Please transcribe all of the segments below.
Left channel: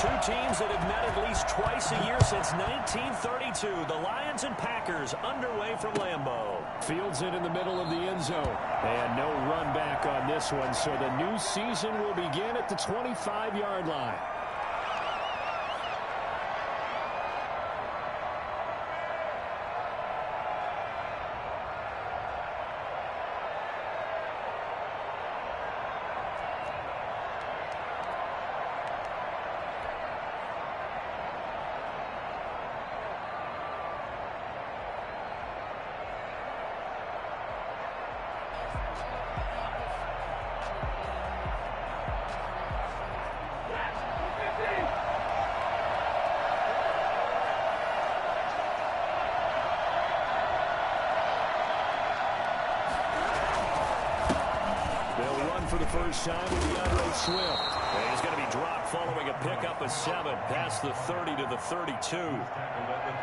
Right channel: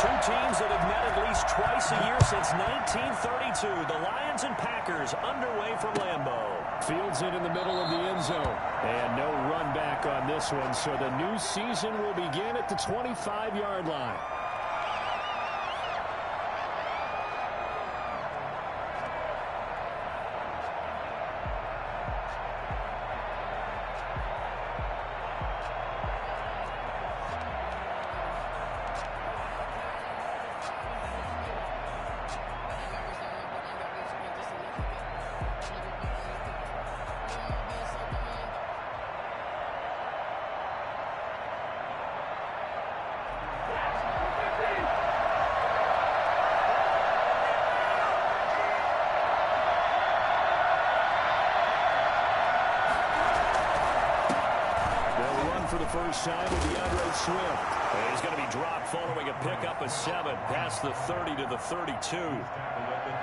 Two teams that have met at least twice a year since 1932. The Lions and Packers underway from Lambeau. Fields it in the middle of the end zone. And no run back on this one, so the new season will begin at the 25-yard line. For the first time with DeAndre Swift. He's going to be dropped following a pickup of 7 past the 30 to the 32.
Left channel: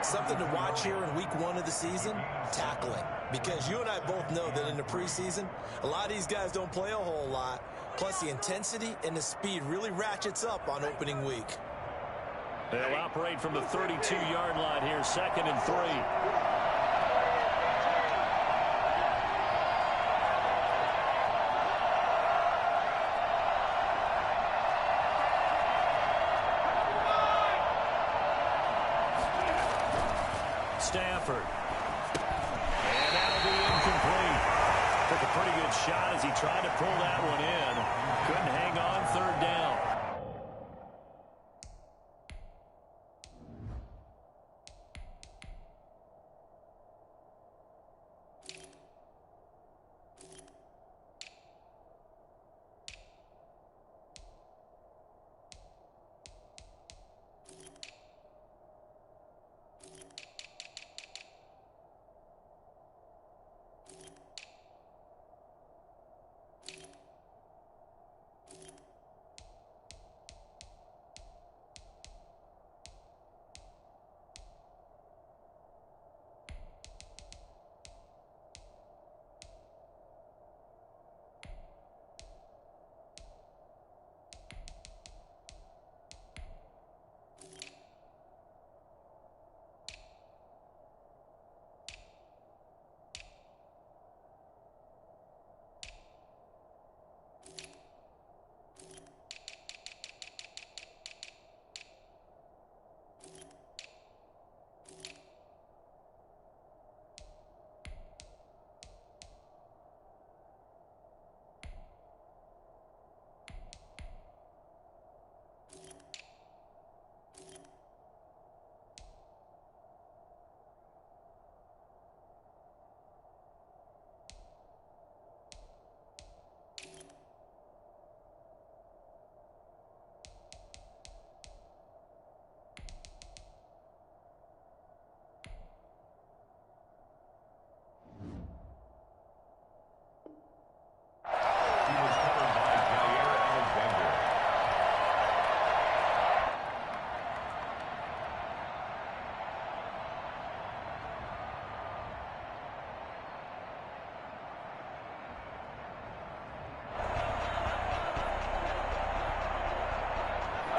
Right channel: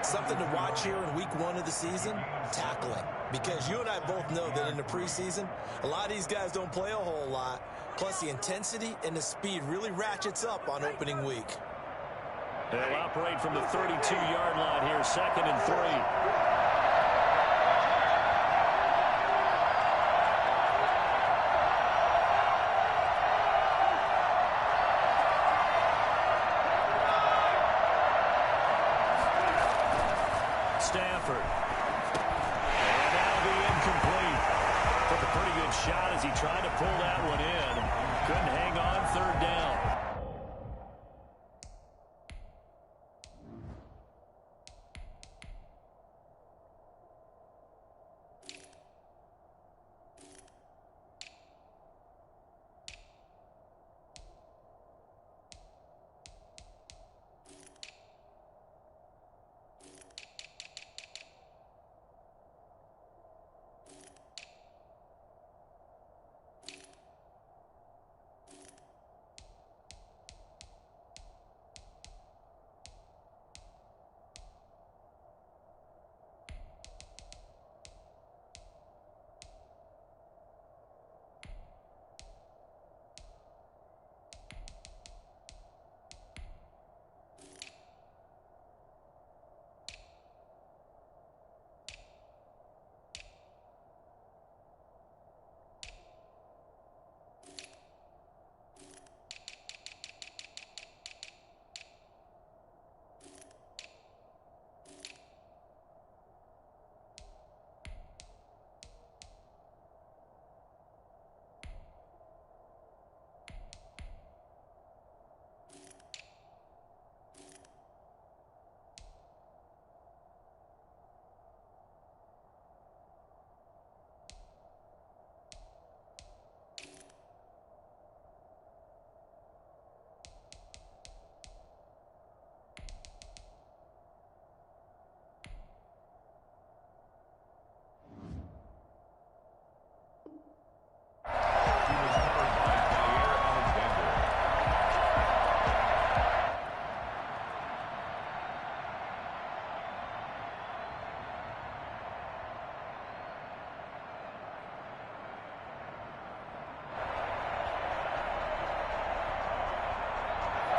Something to watch here in week 1 of the season, tackling. Because you and I both know that in the preseason, a lot of these guys don't play a whole lot. Plus the intensity and the speed really ratchets up on opening week. They'll operate from the 32-yard line here, 2nd and 3. Stafford. And that'll be incomplete. Took a pretty good shot as he tried to pull that one in. Couldn't hang on, 3rd down.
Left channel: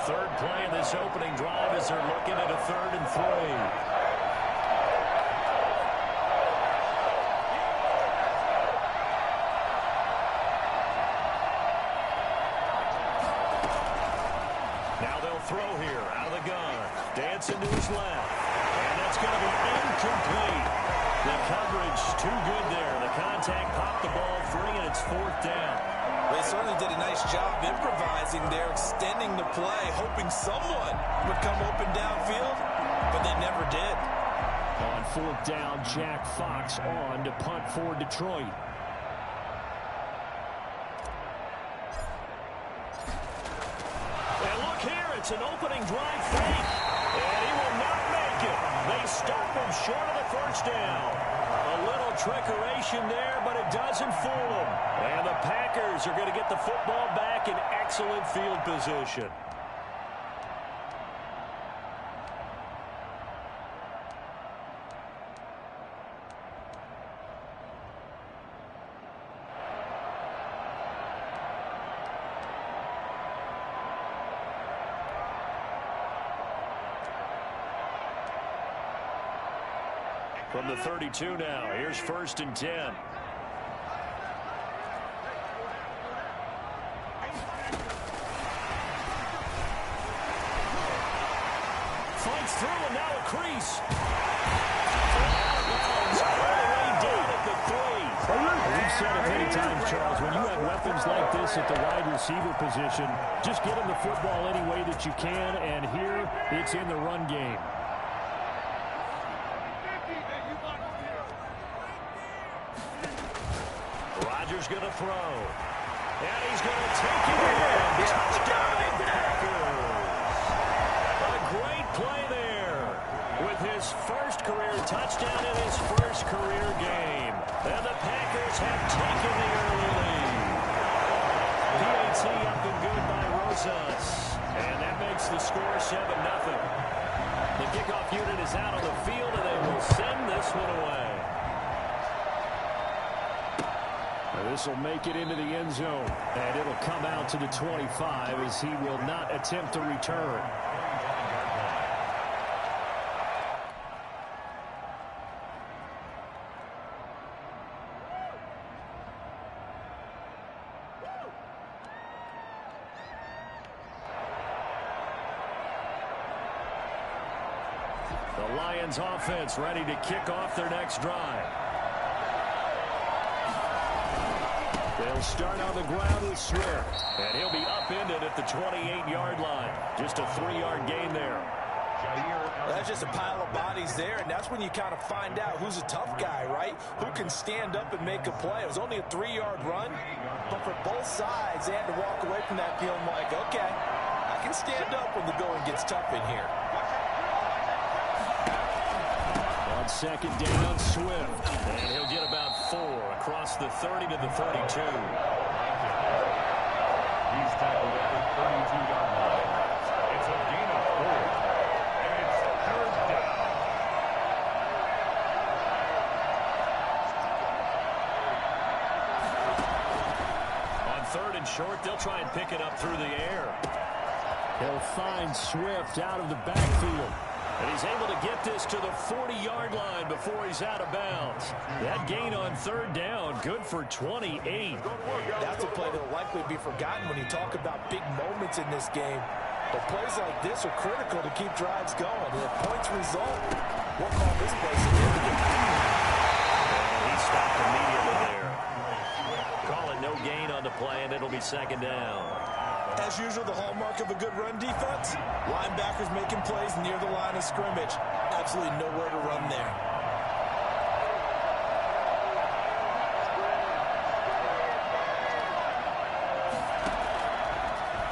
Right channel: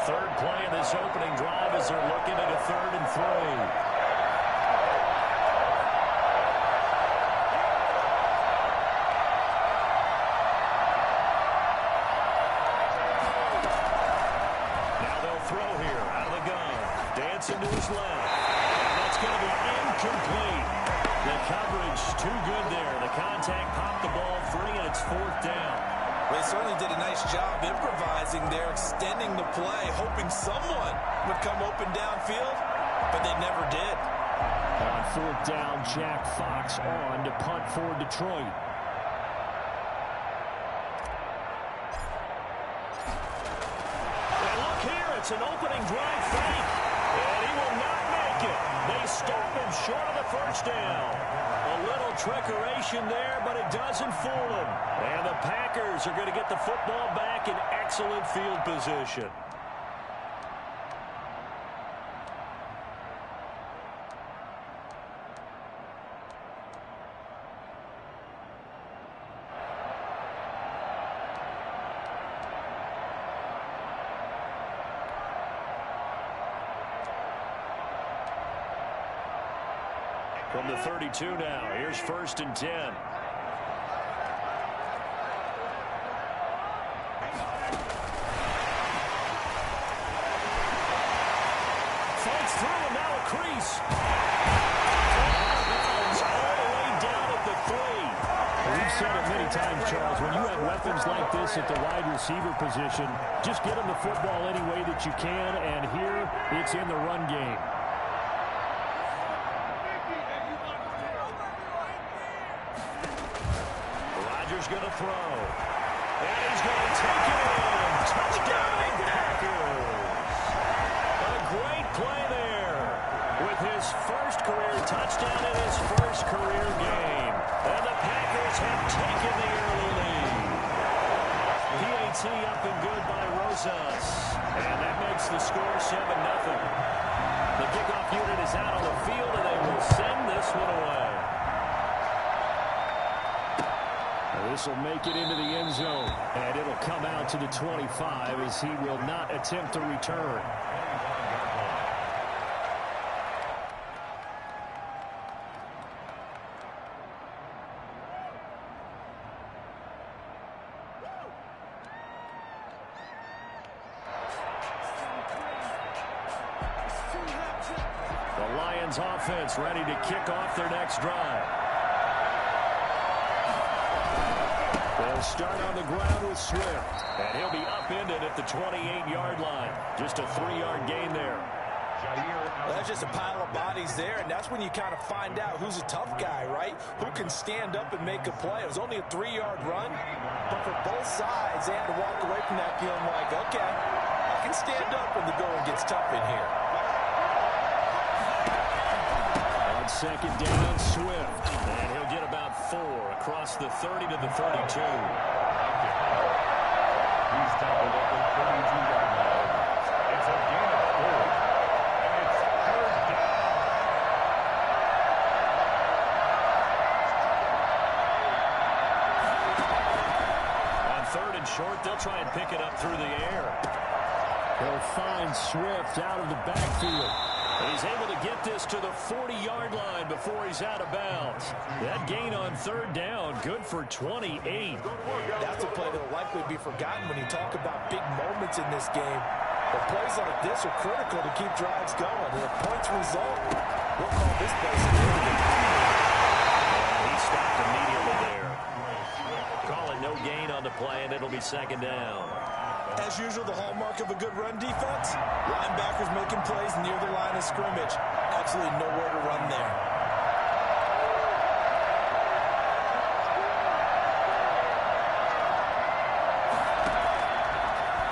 Third play of this opening drive as they're looking at a 3rd and 3. Now they'll throw here out of the gun. Dancing to his left. And that's going to be incomplete. The coverage too good there. The contact popped the ball free, and it's 4th down. They certainly did a nice job improvising there, extending the play, hoping someone would come open downfield, but they never did. On 4th down, Jack Fox on to punt for Detroit. And look here, it's an opening drive fake, and he will not make it. They stop him short of the 1st down. A little trickeration there, but it doesn't fool them. And the Packers are going to get the football back in excellent field position. From the 32 now, here's 1st and 10. Fights through and now a crease. Out of bounds all the way down at the 3. We've said it many times, Charles, when you have weapons like this at the wide receiver position, just get them the football any way that you can, and here it's in the run game. Rodgers going to throw. And he's going to take it in. Touchdown, Packers. A great play there with his first career touchdown in his first career game. And the Packers have taken the early lead. PAT up and good by Rosas. And that makes the score 7-0. The kickoff unit is out on the field, and they will send this one away. This will make it into the end zone, and it'll come out to the 25 as he will not attempt to return. The Lions offense ready to kick off their next drive. They'll start on the ground with Swift, and he'll be upended at the 28-yard line. Just a 3-yard gain there. Well, that's just a pile of bodies there, and that's when you kind of find out who's a tough guy, right? Who can stand up and make a play. It was only a 3-yard run, but for both sides, they had to walk away from that feeling like, okay, I can stand up when the going gets tough in here. On 2nd down, Swift, and he'll get about 4 across the 30 to the 32. He's tackled at the 32-yard line. It's a gain of 4, and it's 3rd down. On 3rd and short, they'll try and pick it up through the air. He'll find Swift out of the backfield. And he's able to get this to the 40-yard line before he's out of bounds. That gain on 3rd down, good for 28. That's a play that will likely be forgotten when you talk about big moments in this game. But plays like this are critical to keep drives going. And if points result, we'll call this play significant. And he stopped immediately there. Calling no gain on the play, and it'll be 2nd down. As usual, the hallmark of a good run defense, linebackers making plays near the line of scrimmage. Absolutely nowhere to run there.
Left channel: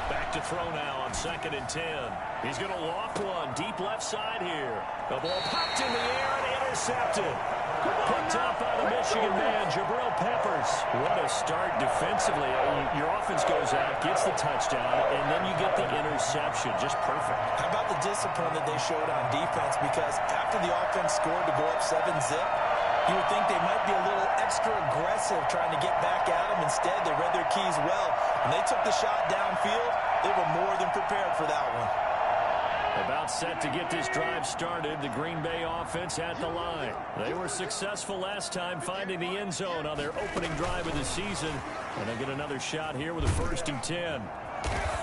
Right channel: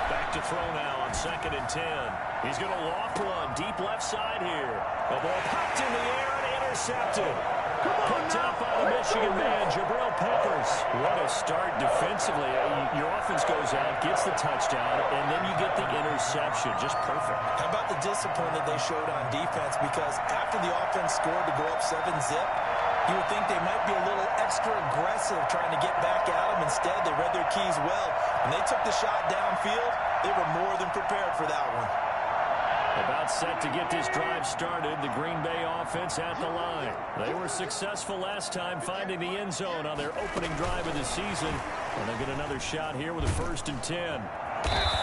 Back to throw now on 2nd and 10. He's going to loft one deep left side here. The ball popped in the air and intercepted. Picked up by the Michigan man, Jabril Peppers. What a start defensively. Your offense goes out, gets the touchdown, and then you get the interception. Just perfect. How about the discipline that they showed on defense? Because after the offense scored to go up 7-zip, you would think they might be a little extra aggressive trying to get back at them. Instead, they read their keys well. When they took the shot downfield, they were more than prepared for that one. About set to get this drive started, the Green Bay offense at the line. They were successful last time finding the end zone on their opening drive of the season. And they'll get another shot here with a 1st and 10.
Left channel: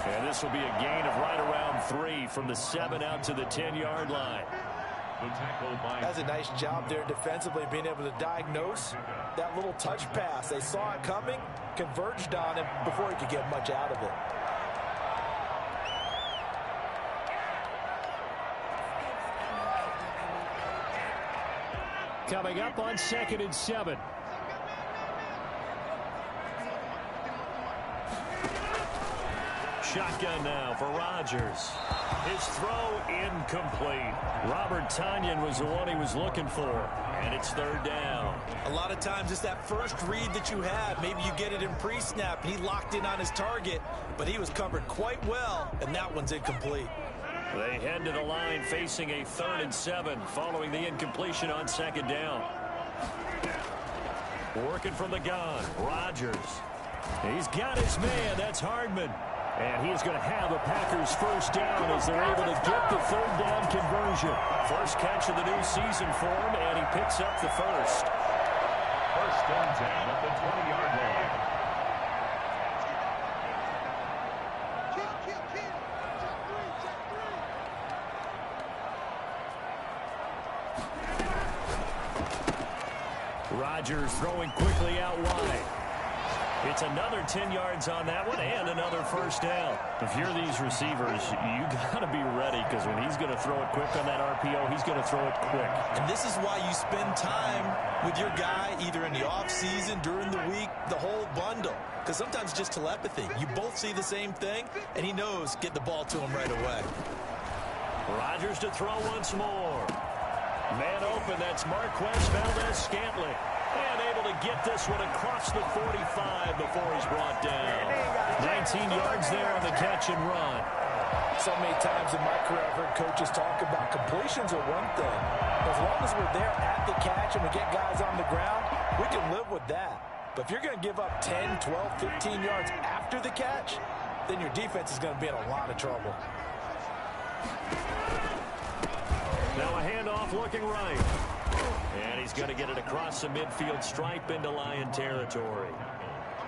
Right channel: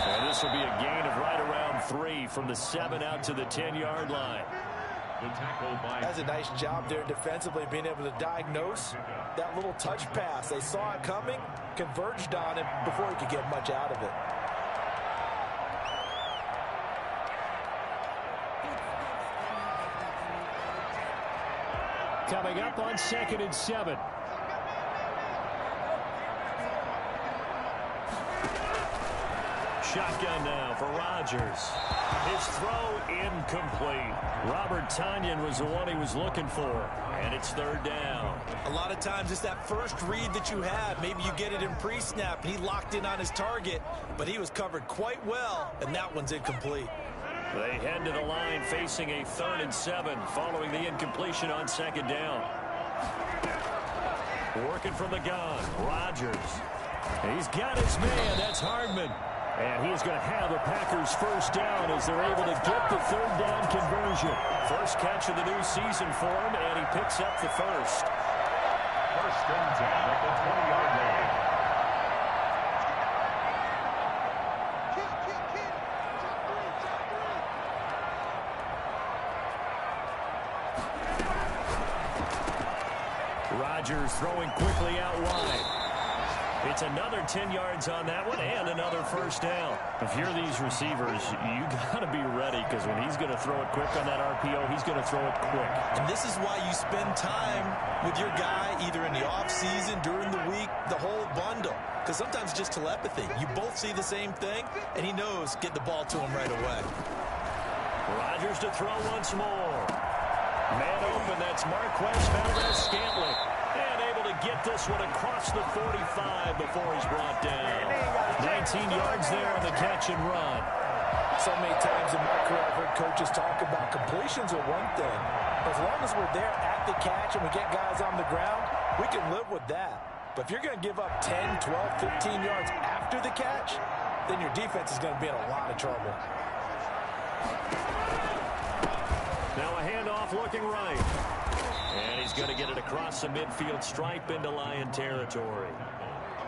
And this will be a gain of right around 3 from the 7 out to the 10-yard line. That's a nice job there defensively, being able to diagnose that little touch pass. They saw it coming, converged on it before he could get much out of it. Coming up on 2nd and 7. Shotgun now for Rodgers. His throw incomplete. Robert Tonyan was the one he was looking for. And it's 3rd down. A lot of times it's that first read that you have. Maybe you get it in pre-snap and he locked in on his target, but he was covered quite well, and that one's incomplete. They head to the line facing a 3rd and 7 following the incompletion on 2nd down. Working from the gun, Rodgers. He's got his man. That's Hardman. And he is going to have a Packers first down as they're able to get the third down conversion. First catch of the new season for him, and he picks up the first. First and 10 at the 20-yard line. Rodgers throwing quickly out wide. It's another 10 yards on that one and another first down. If you're these receivers, you got to be ready because when he's going to throw it quick on that RPO, he's going to throw it quick. And this is why you spend time with your guy either in the offseason, during the week, the whole bundle. Because sometimes just telepathy. You both see the same thing, and he knows get the ball to him right away. Rodgers to throw once more. Man open, that's Marquez Valdez-Scantling. And able to get this one across the 45 before he's brought down. 19 yards there on the catch and run. So many times in my career I've heard coaches talk about completions are one thing. As long as we're there at the catch and we get guys on the ground, we can live with that. But if you're going to give up 10, 12, 15 yards after the catch, then your defense is going to be in a lot of trouble. Now a handoff looking right. And he's going to get it across the midfield stripe into Lion territory.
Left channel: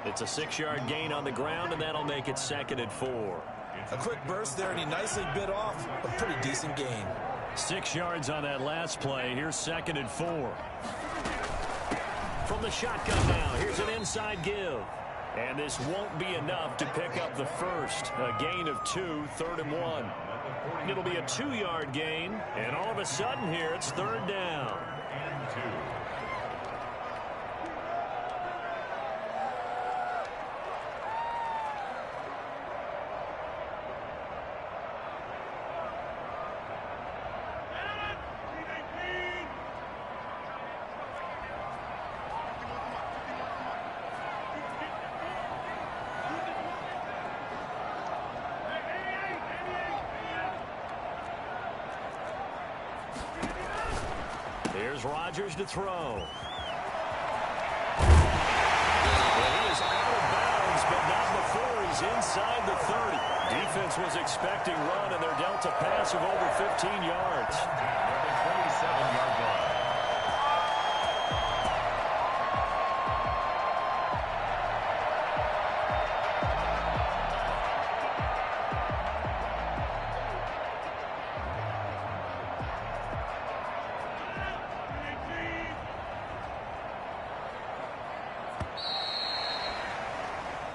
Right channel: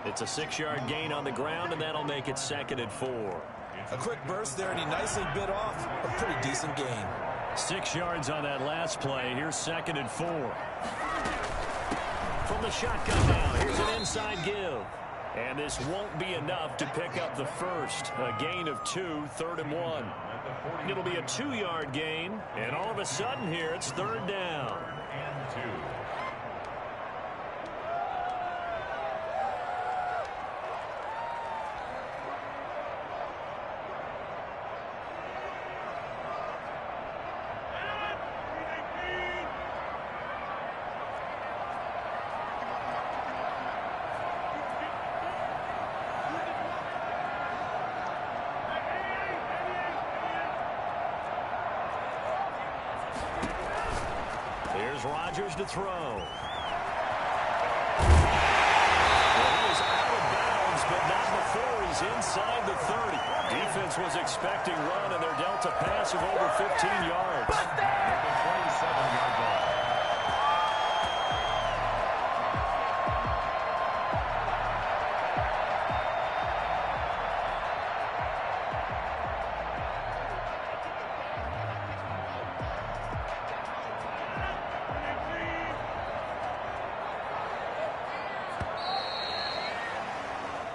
It's a 6-yard gain on the ground, and that'll make it 2nd and 4. A quick burst there, and he nicely bit off a pretty decent gain. 6 yards on that last play. Here's 2nd and 4. From the shotgun now, here's an inside give. And this won't be enough to pick up the first. A gain of 2, 3rd and 1. It'll be a 2-yard gain, and all of a sudden here it's 3rd down. And 2. Here's Rodgers to throw. Well, he is out of bounds, but not before he's inside the 30. Defense was expecting run, and they're dealt a pass of over 15 yards. At the 27-yard line.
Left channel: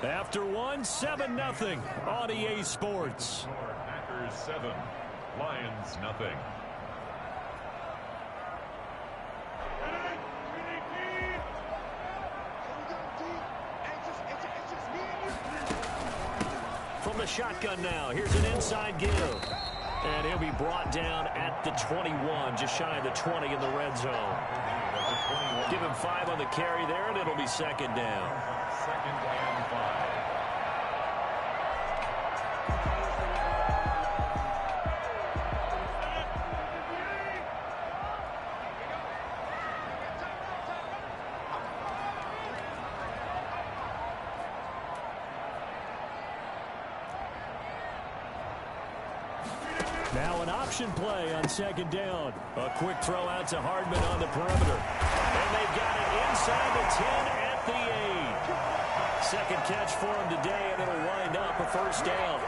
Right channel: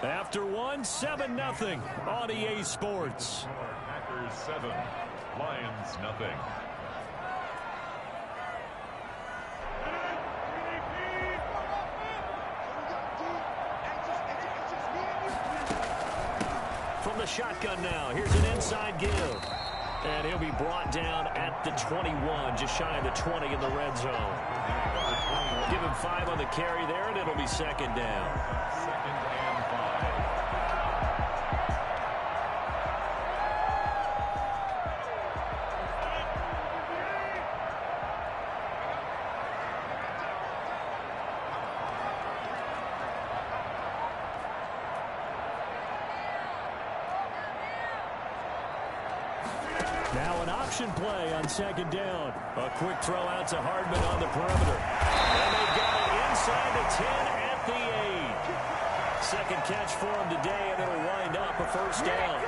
After one, 7-0 on EA Sports. Packers 7, Lions nothing. From the shotgun now, here's an inside give. And he'll be brought down at the 21, just shy of the 20 in the red zone. Give him 5 on the carry there, and it'll be 2nd down. 2nd and 5. Now an option play on 2nd down. A quick throw out to Hardman on the perimeter. And they got it inside the 10 at the 8. Second catch for him today, and it'll wind up a first down.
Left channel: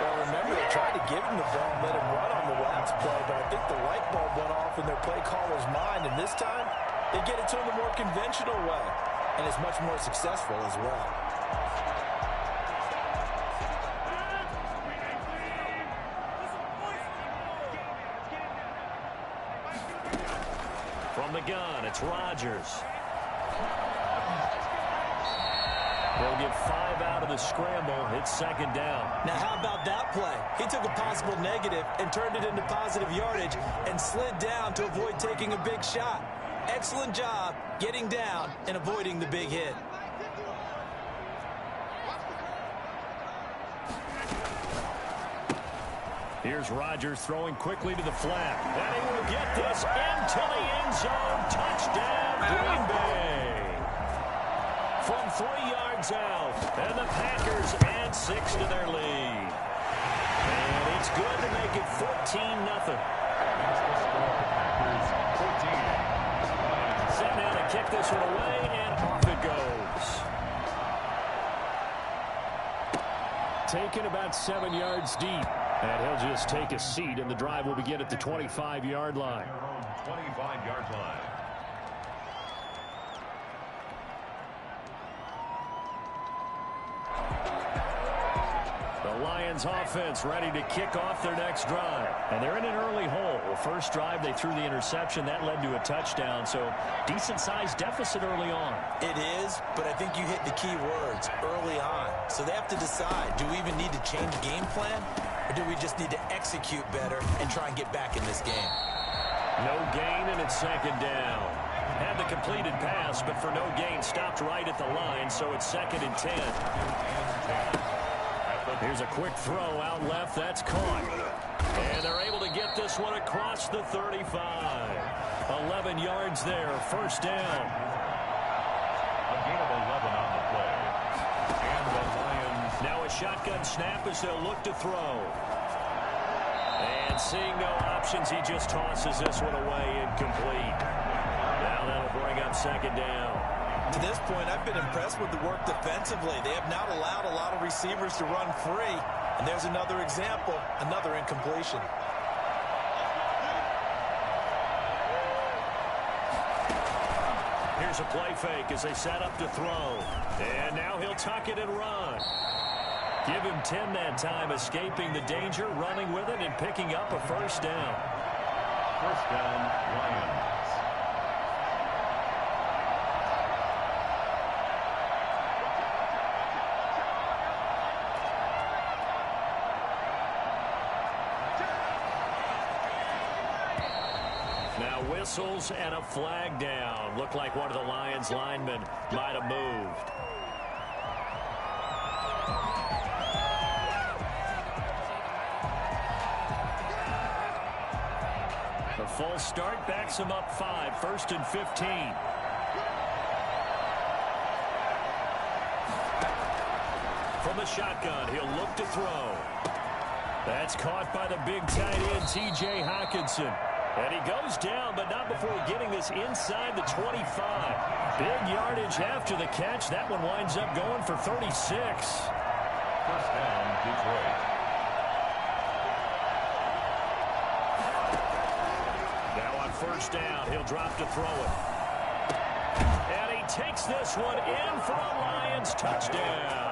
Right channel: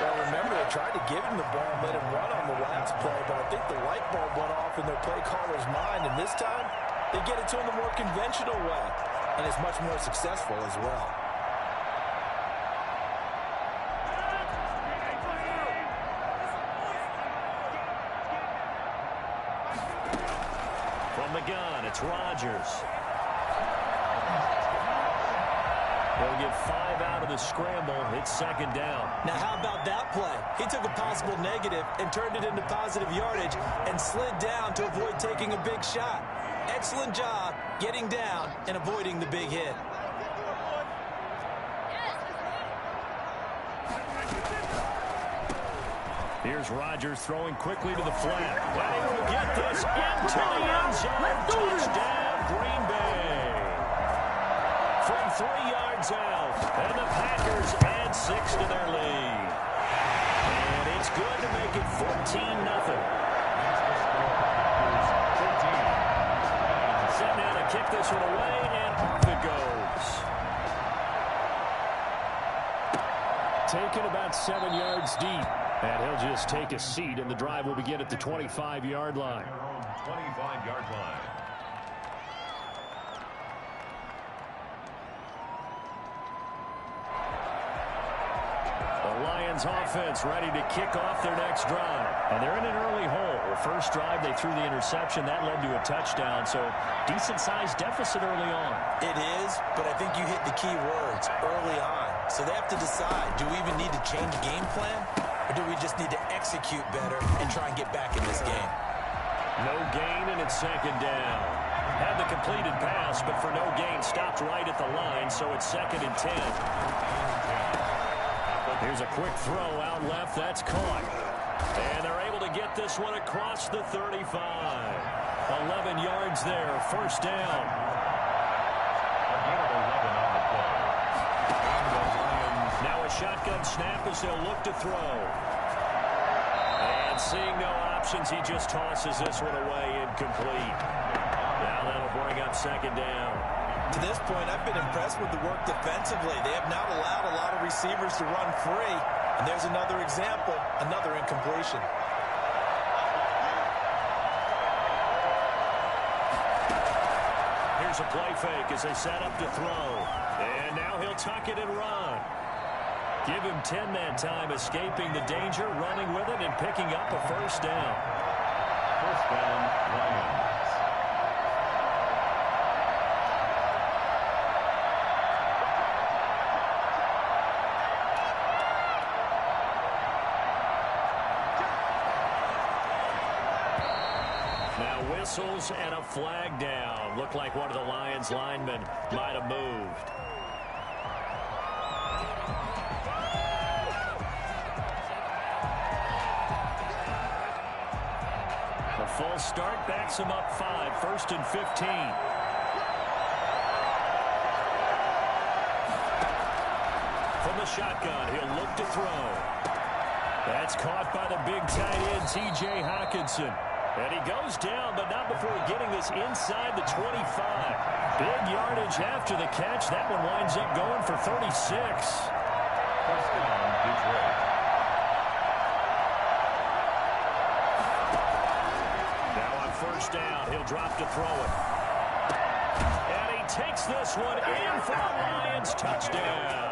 Well, remember, they tried to give him the ball and let him run on the last play, but I think the light bulb went off in their play caller's mind, and this time they get it to him the more conventional way, and it's much more successful as well. From the gun, it's Rodgers. He'll get 5 out of the scramble. It's 2nd down. Now, how about that play? He took a possible negative and turned it into positive yardage and slid down to avoid taking a big shot. Excellent job getting down and avoiding the big hit. Here's Rodgers throwing quickly to the flat. And he will get this into the end zone. Touchdown, Green Bay. from 3 yards out. And the Packers add 6 to their lead. And it's good to make it 14-0. That's the score. Packers 14. Lions. Set now to kick this one away, and off it goes. Taken about 7 yards deep. And he'll just take a seat, and the drive will begin at the 25-yard line. Their own 25-yard line. The Lions offense ready to kick off their next drive. And they're in an early hole. The first drive, they threw the interception. That led to a touchdown. So decent-sized deficit early on. It is, but I think you hit the key words, early on. So they have to decide, do we even need to change game plan? Or do we just need to execute better and try and get back in this game? No gain, and it's second down. Had the completed pass, but for no gain, stopped right at the line, so it's 2nd and 10. Here's a quick throw out left. That's caught. And they're able to get this one across the 35. 11 yards there. First down. A gain of 11 on the play. And the Lions. Now a shotgun snap as they'll look to throw. And seeing no options, he just tosses this one away incomplete. Now that'll bring up second down. To this point, I've been impressed with the work defensively. They have not allowed a lot of receivers to run free. And there's another example, another incompletion. Here's a play fake as they set up to throw. And now he'll tuck it and run. Give him 10 that time, escaping the danger, running with it, and picking up a first down. First down, Lions. Now whistles and a flag down. Looked like one of the Lions linemen might have moved. The full start backs him up 5. 1st and 15. From the shotgun, he'll look to throw. That's caught by the big tight end, T.J. Hockenson. And he goes down, but not before getting this inside the 25. Big yardage after the catch. That one winds up going for 36. First down, Detroit. Now on first down, he'll drop to throw it. And he takes this one in for a Lions touchdown.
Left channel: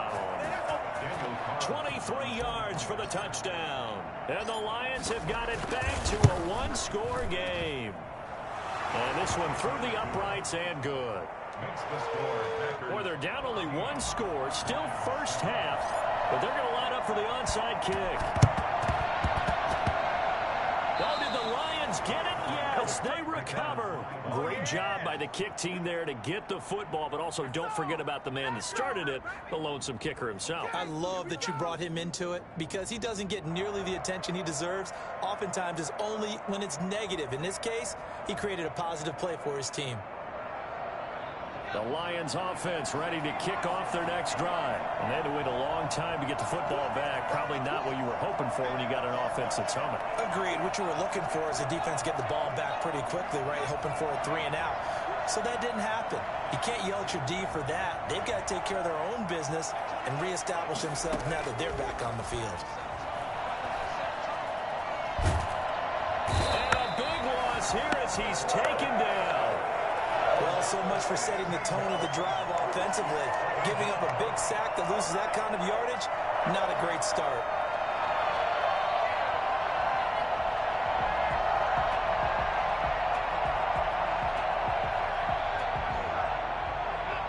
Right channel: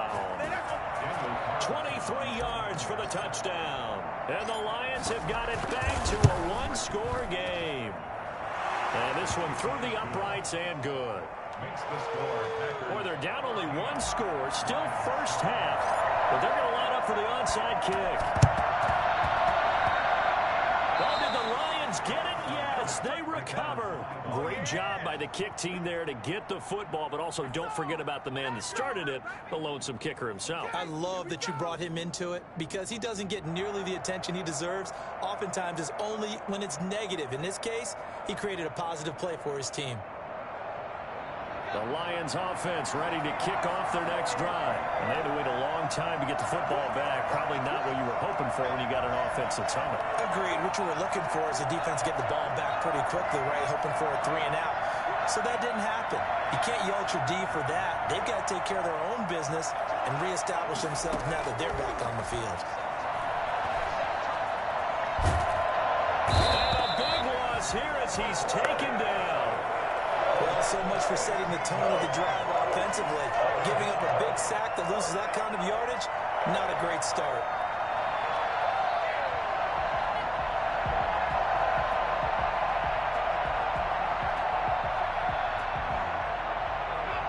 23 yards for the touchdown. And the Lions have got it back to a one-score game. And this one through the uprights and good. Makes the score, Packers. Boy, they're down only one score, still first half, but they're going to line up for the onside kick. Oh, did the Lions get it? Yes, they recover. Great job by the kick team there to get the football, but also don't forget about the man that started it, the lonesome kicker himself. I love that you brought him into it because he doesn't get nearly the attention he deserves. Oftentimes it's only when it's negative. In this case, he created a positive play for his team. The Lions offense ready to kick off their next drive. And they had to wait a long time to get the football back. Probably not what you were hoping for when you got an offense that's humming. Agreed. What you were looking for is a defense get the ball back pretty quickly, right? Hoping for a 3 and out. So that didn't happen. You can't yell at your D for that. They've got to take care of their own business and reestablish themselves now that they're back on the field. And a big loss here as he's taken down. Well, so much for setting the tone of the drive offensively. Giving up a big sack that loses that kind of yardage, not a great start.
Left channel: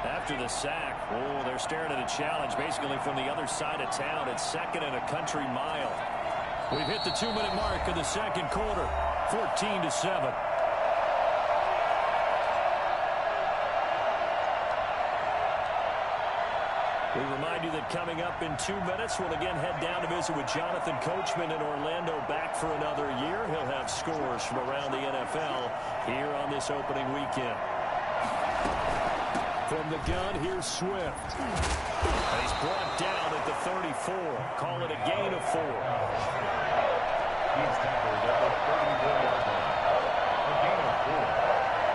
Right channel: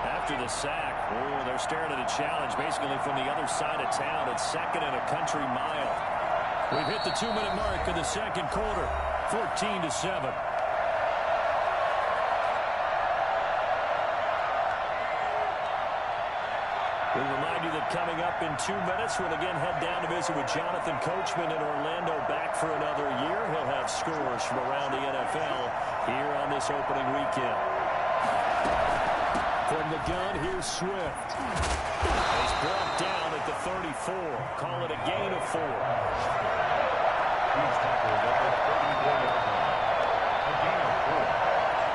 After the sack, oh, they're staring at a challenge basically from the other side of town. It's 2nd and a country mile. We've hit the 2-minute mark of the second quarter, 14-7. We remind you that coming up in 2 minutes, we'll again head down to visit with Jonathan Coachman in Orlando, back for another year. He'll have scores from around the NFL here on this opening weekend. From the gun, here's Swift. And he's brought down at the 34. Call it a gain of 4. He's tackled at the 34-yard line. A gain of 4.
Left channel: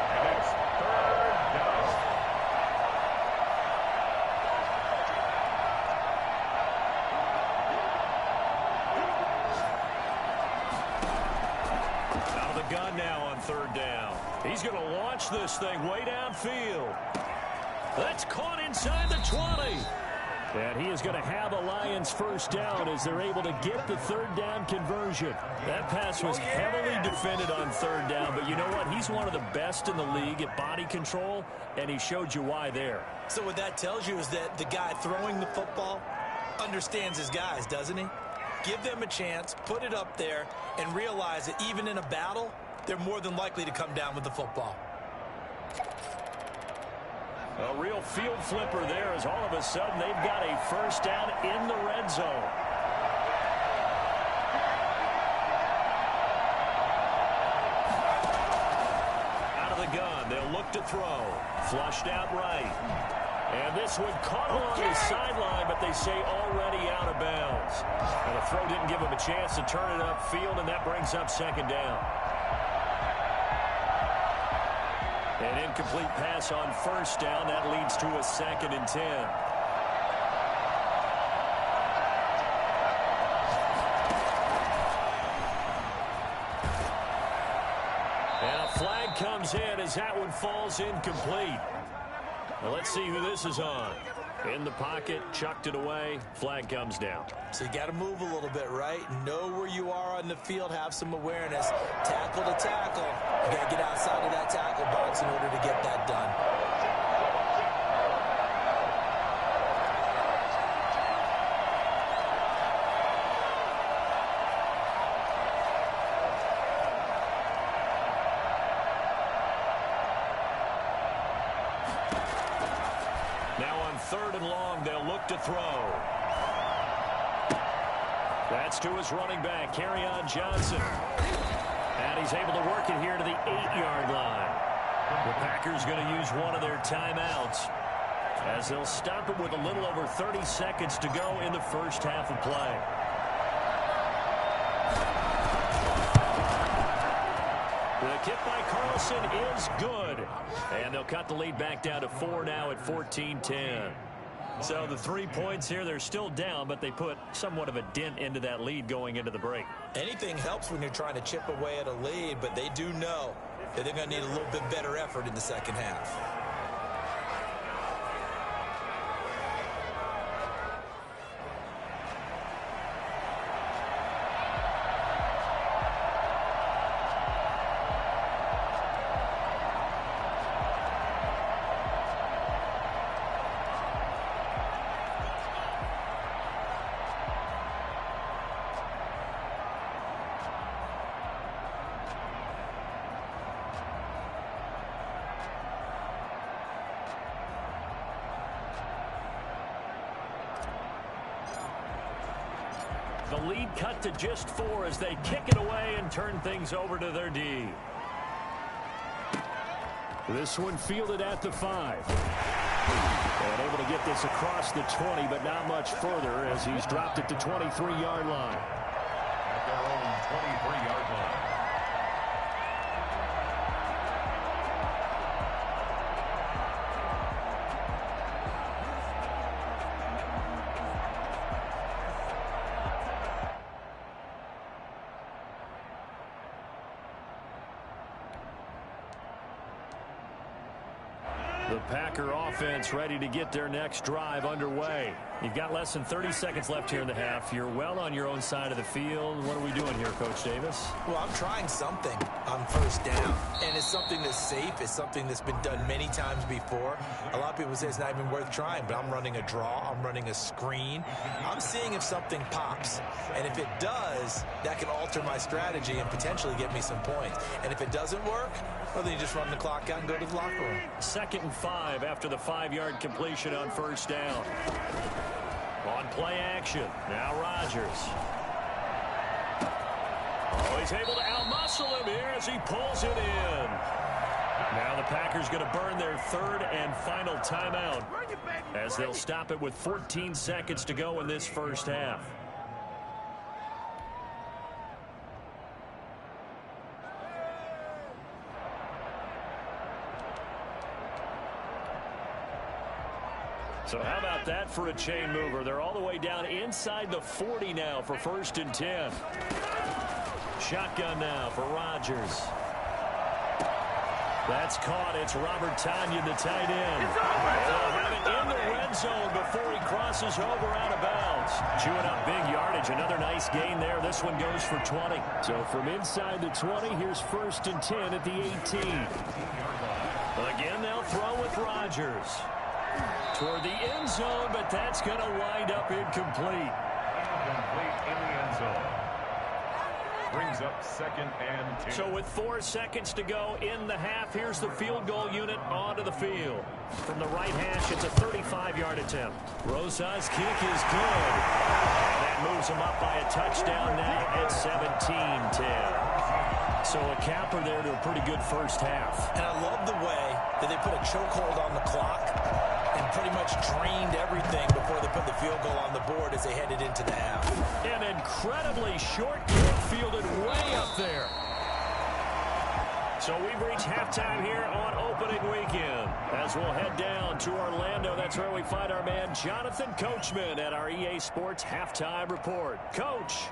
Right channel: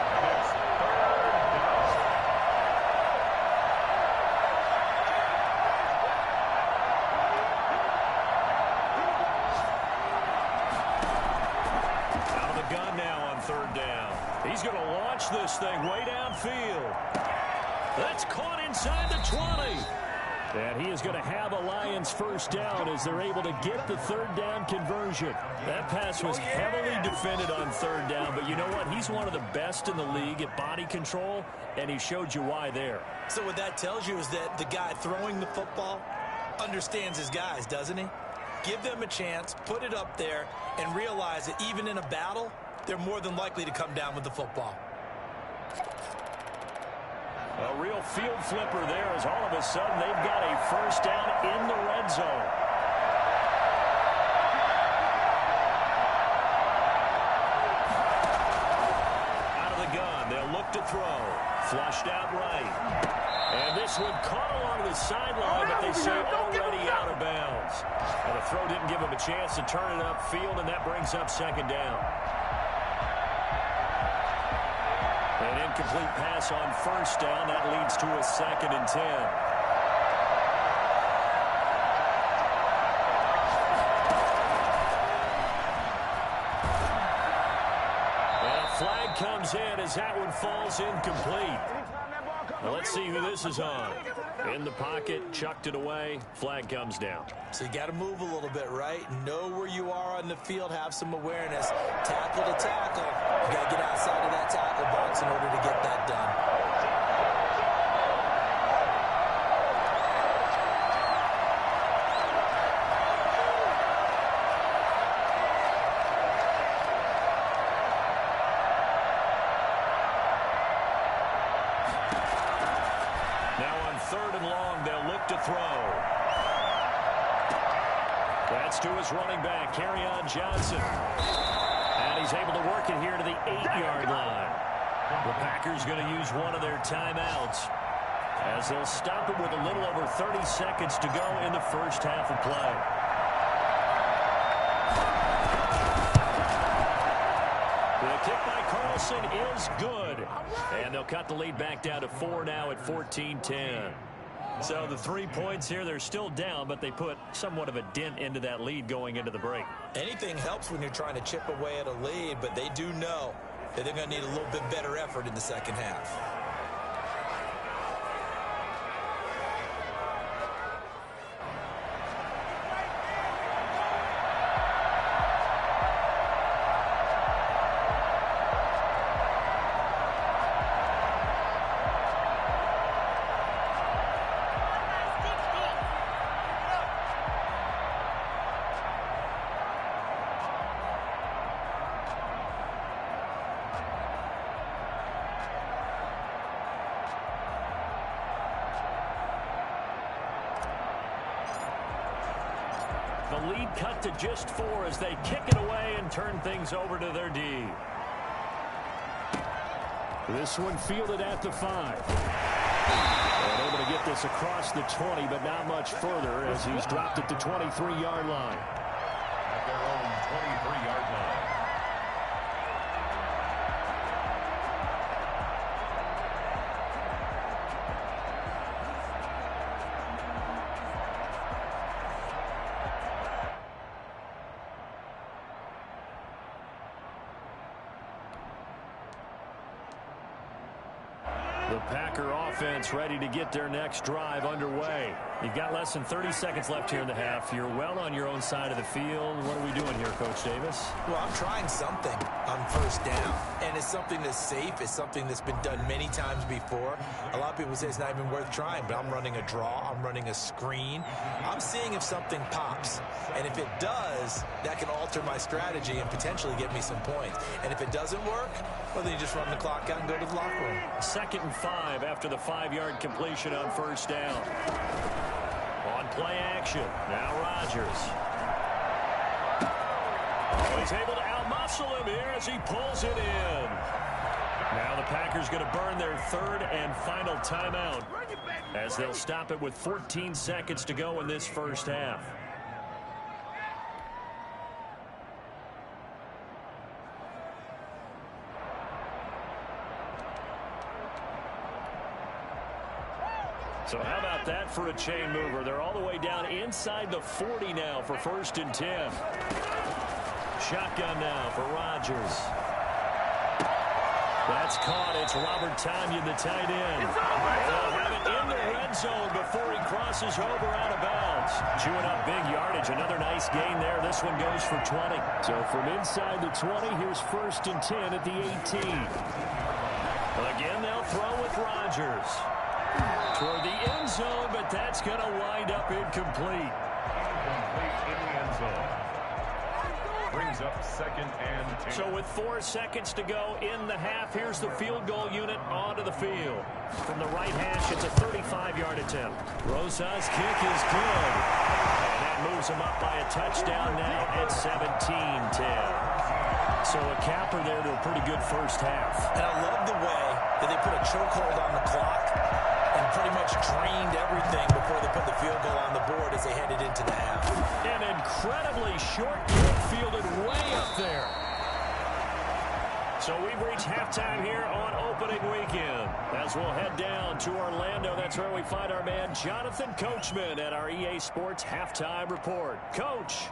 And it's 3rd down. Out of the gun now on 3rd down. He's going to launch this thing way downfield. That's caught inside the 20. And he is going to have a Lions first down as they're able to get the 3rd down conversion. That pass was heavily defended on 3rd down, but you know what? He's one of the best in the league at body control, and he showed you why there. So what that tells you is that the guy throwing the football understands his guys, doesn't he? Give them a chance, put it up there, and realize that even in a battle, they're more than likely to come down with the football. A real field flipper there as all of a sudden they've got a first down in the red zone. Out of the gun, they'll look to throw. Flushed out right. And this one caught along the sideline, but they say already out of bounds. Now the throw didn't give him a chance to turn it upfield, and that brings up 2nd down. An incomplete pass on 1st down. That leads to a 2nd and 10. And a flag comes in as that one falls incomplete. Now let's see who this is on. In the pocket, chucked it away. Flag comes down. So you got to move a little bit, right? Know where you are on the field. Have some awareness. Tackle to tackle. You got to get outside of that tackle box in order to get that done. Now on 3rd and long, they'll look to throw. That's to his running back, Kerryon Johnson. And he's able to work it here to the 8-yard line. The Packers going to use one of their timeouts as they'll stop him with a little over 30 seconds to go in the first half of play. The kick by Carlson is good. And they'll cut the lead back down to 4 now at 14-10. So the 3 points here, they're still down, but they put somewhat of a dent into that lead going into the break. Anything helps when you're trying to chip away at a lead, but they do know that they're going to need a little bit better effort in the second half. The lead cut to just 4 as they kick it away and turn things over to their D. This one fielded at the 5. And able to get this across the 20, but not much further as he's dropped it to 23-yard line. At their own 23-yard line. The Packer offense ready to get their next drive underway. You've got less than 30 seconds left here in the half. You're well on your own side of the field. What are we doing here, Coach Davis? Well, I'm trying something on 1st down, and it's something that's safe. It's something that's been done many times before. A lot of people say it's not even worth trying, but I'm running a draw. I'm running a screen. I'm seeing if something pops, and if it does, that can alter my strategy and potentially get me some points. And if it doesn't work, well, then you just run the clock out and go to the locker room. 2nd and 5 after the 5-yard completion on 1st down. On play action, now Rodgers. Oh, he's able to outmuscle him here as he pulls it in. Now the Packers going to burn their third and final timeout as they'll stop it with 14 seconds to go in this first half. So how about that for a chain mover? They're all the way down inside the 40 now for 1st and 10. Shotgun now for Rodgers. That's caught. It's Robert Tonyan, the tight end. They'll have it in the red zone before he crosses over out of bounds. Chewing up big yardage. Another nice gain there. This one goes for 20. So from inside the 20, here's 1st and 10 at the 18. Again, they'll throw with Rodgers. Toward the end zone, but that's going to wind up incomplete. Incomplete in the end zone. Brings up 2nd and 10. So with 4 seconds to go in the half, here's the field goal unit onto the field. From the right hash, it's a 35-yard attempt. Rosa's kick is good. And that moves him up by a touchdown now at 17-10. So a capper there to a pretty good first half. And I love the way that they put a chokehold on the clock and pretty much drained everything before they put the field goal on the board as they headed into the half. An incredibly short kick fielded way up there. So we've reached halftime here on opening weekend. As we'll head down to Orlando, that's where we find our man Jonathan Coachman at our EA Sports Halftime Report. Coach.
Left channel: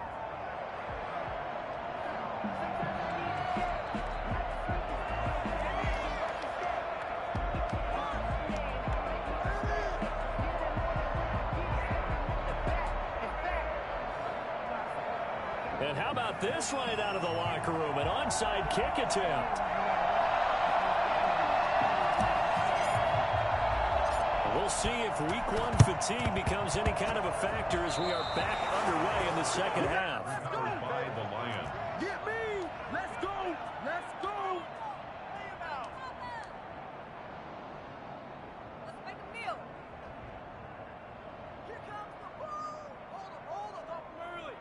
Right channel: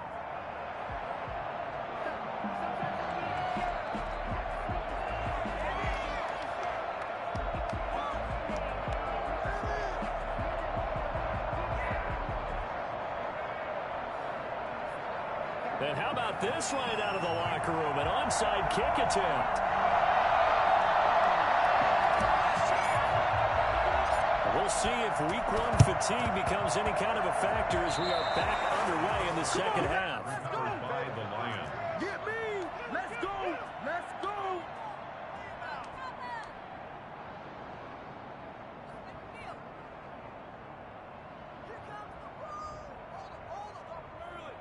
And how about this right out of the locker room? An onside kick attempt. We'll see if week 1 fatigue becomes any kind of a factor as we are back underway in the second half. By the Lions. Get me! Let's go! Let's go! Let's make a deal. Here comes the ball! Hold up, up early.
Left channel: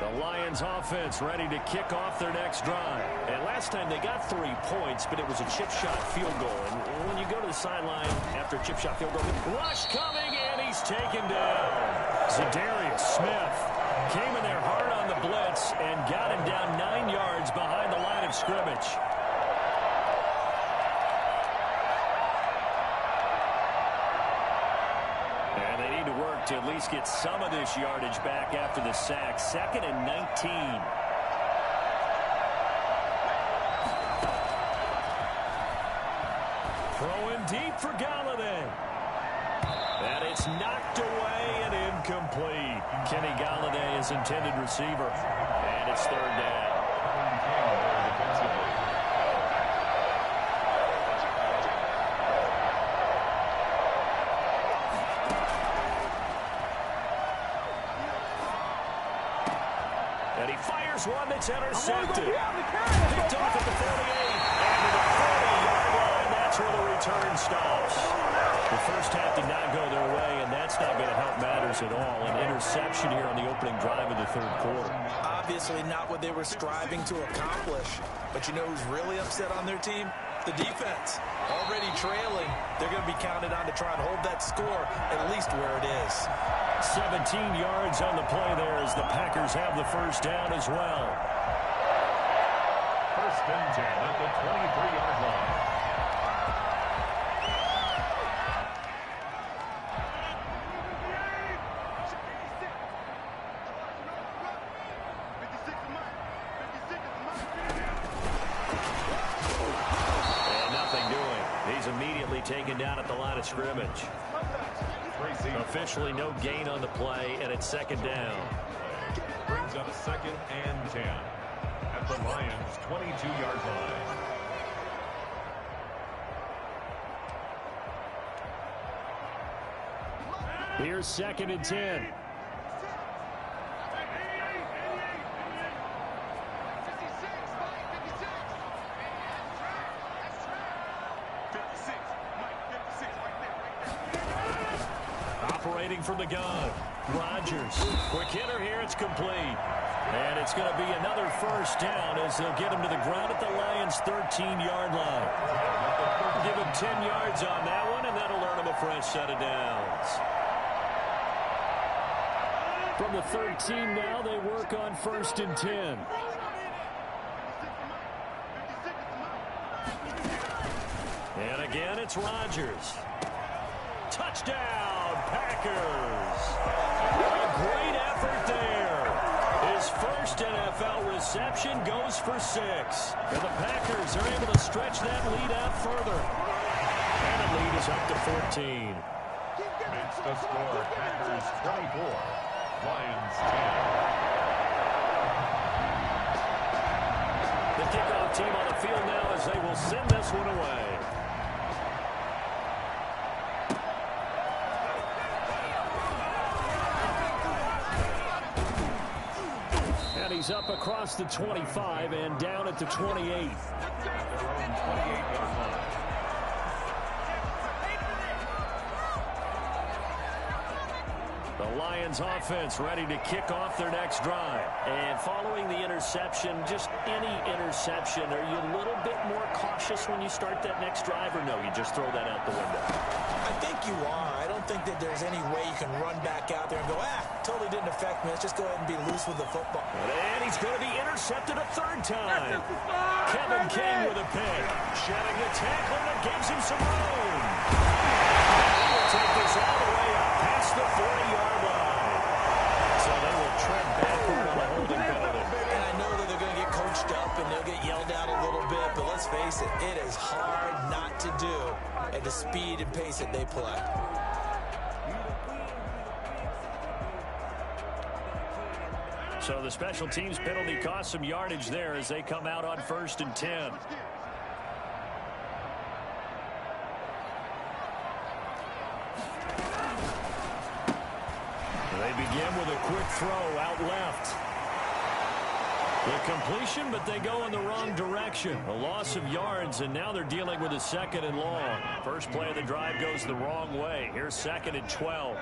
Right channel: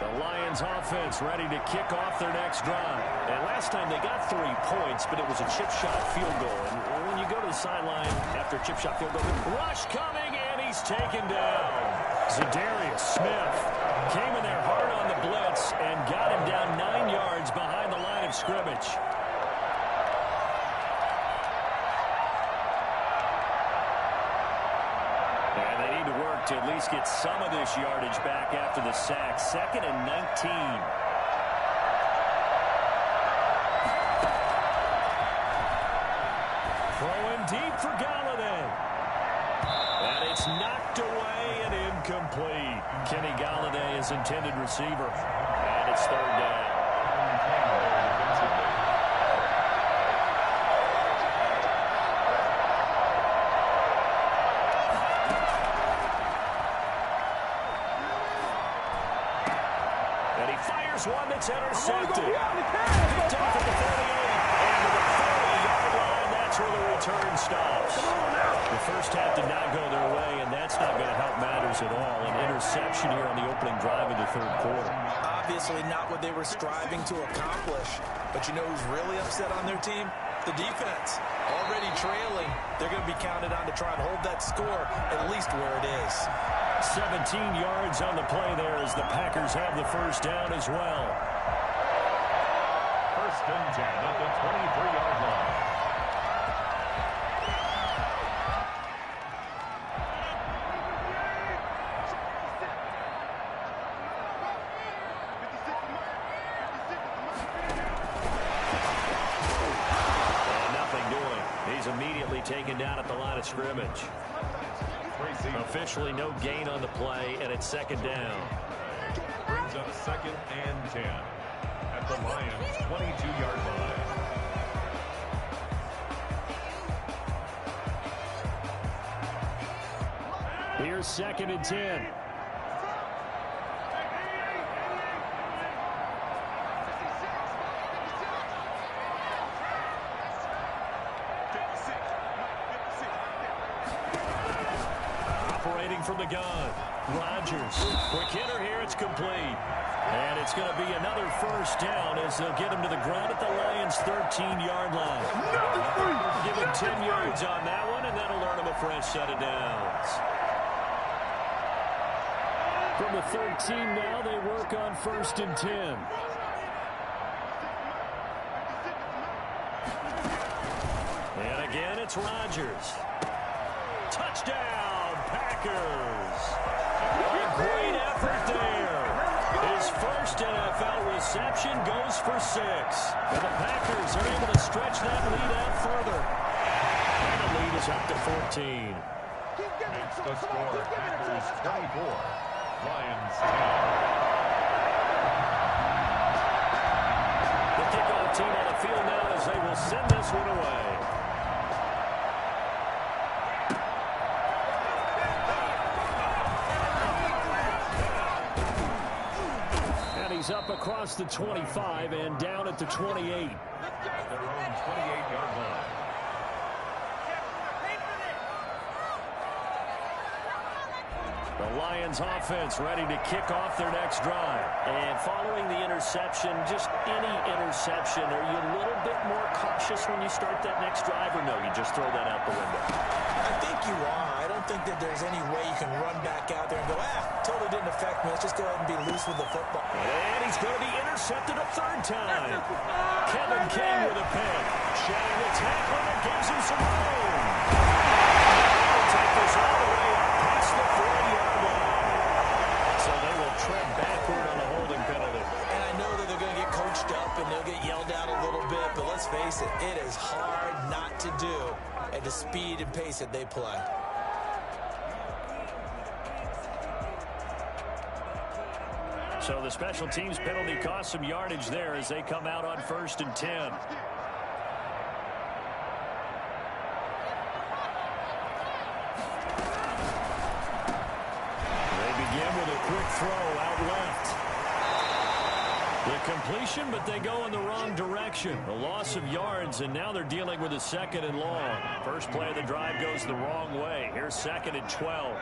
The Lions offense ready to kick off their next drive. And last time they got 3 points, but it was a chip shot field goal. And when you go to the sideline after a chip shot field goal, rush coming, and he's taken down. Zadarius Smith came in there hard on the blitz and got him down 9 yards behind the line of scrimmage. And they need to work to at least get some of this yardage back after the sack. 2nd and 19. Throwing deep for Galladay. And it's knocked away and incomplete. Kenny Galladay is intended receiver. And it's 3rd down. Defensively. And he fires one that's intercepted. Picked off at the 48. And to the 40-yard line, that's where the return stops. The first half did not go their way, and that's not going to help matters at all. An interception here on the opening drive of the 3rd quarter. Obviously not what they were striving to accomplish. But you know who's really upset on their team? The defense. Already trailing, they're going to be counted on to try and hold that score at least where it is. 17 yards on the play there as the Packers have the first down as well. 1st and 10 at the 23-yard line. And nothing doing. He's immediately taken down at the line of scrimmage. Officially no gain on the play, and it's 2nd down. Brings up 2nd and 10 at the Lions' 22-yard line. Here's 2nd and 10. Operating from the gun. Rodgers. Quick hitter here. It's complete. And it's going to be another first down as they'll get him to the ground at the Lions' 13-yard line. Give him 10 yards on that one, and that'll earn him a fresh set of downs. From the 13 now, they work on 1st and 10. And again, it's Rodgers. Touchdown, Packers. A great effort there. His first NFL reception goes for 6. And the Packers are able to stretch that lead out further. And the lead is up to 14. Makes the score Packers 24, Lions 10. The kickoff team on the field now as they will send this one away. And he's up across the 25 and down at the 28. Their own 28-yard line. The Lions offense ready to kick off their next drive. And following the interception, just any interception, are you a little bit more cautious when you start that next drive, or no, you just throw that out the window? I think you are. I don't think that there's any way you can run back out there and go, totally didn't affect me. Let's just go ahead and be loose with the football. And he's going to be intercepted a 3rd time. Kevin King with a pick. Shedding the tackle, and it gives him some room. He will take this all the way up past the 40-yard line. So they will tread backward on a holding penalty. And I know that they're going to get coached up and they'll get yelled at a little bit, but let's face it, it is hard not to do at the speed and pace that they play. So the special teams penalty cost some yardage there as they come out on 1st and 10. They begin with a quick throw out left. The completion, but they go in the wrong direction. A loss of yards, and now they're dealing with a 2nd and long. First play of the drive goes the wrong way. Here's 2nd and 12.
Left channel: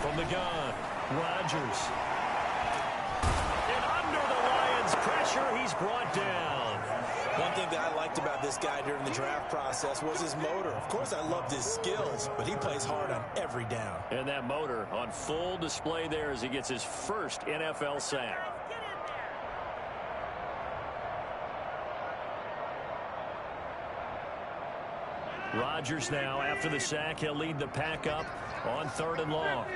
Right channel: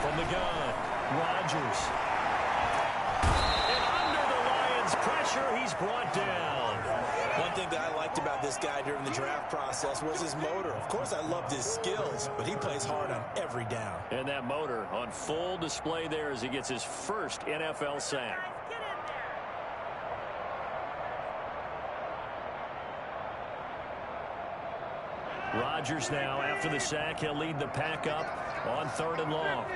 From the gun, Rodgers. And under the Lions' pressure, he's brought down. One thing that I liked about this guy during the draft process was his motor. Of course, I loved his skills, but he plays hard on every down. And that motor on full display there as he gets his first NFL sack. Rodgers now, after the sack, he'll lead the pack up on 3rd and long.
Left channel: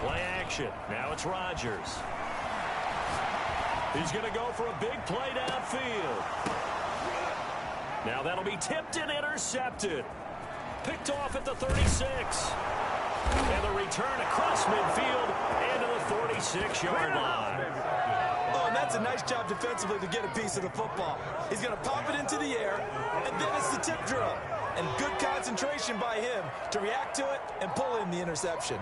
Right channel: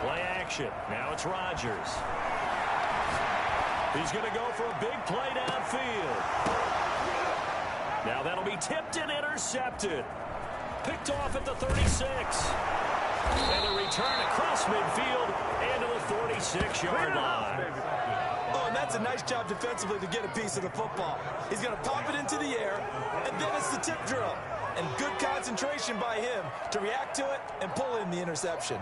Play action. Now it's Rodgers. He's going to go for a big play downfield. Now that'll be tipped and intercepted. Picked off at the 36. And the return across midfield and to the 46-yard line. Oh, and that's a nice job defensively to get a piece of the football. He's going to pop it into the air, and then it's the tip drill. And good concentration by him to react to it and pull in the interception.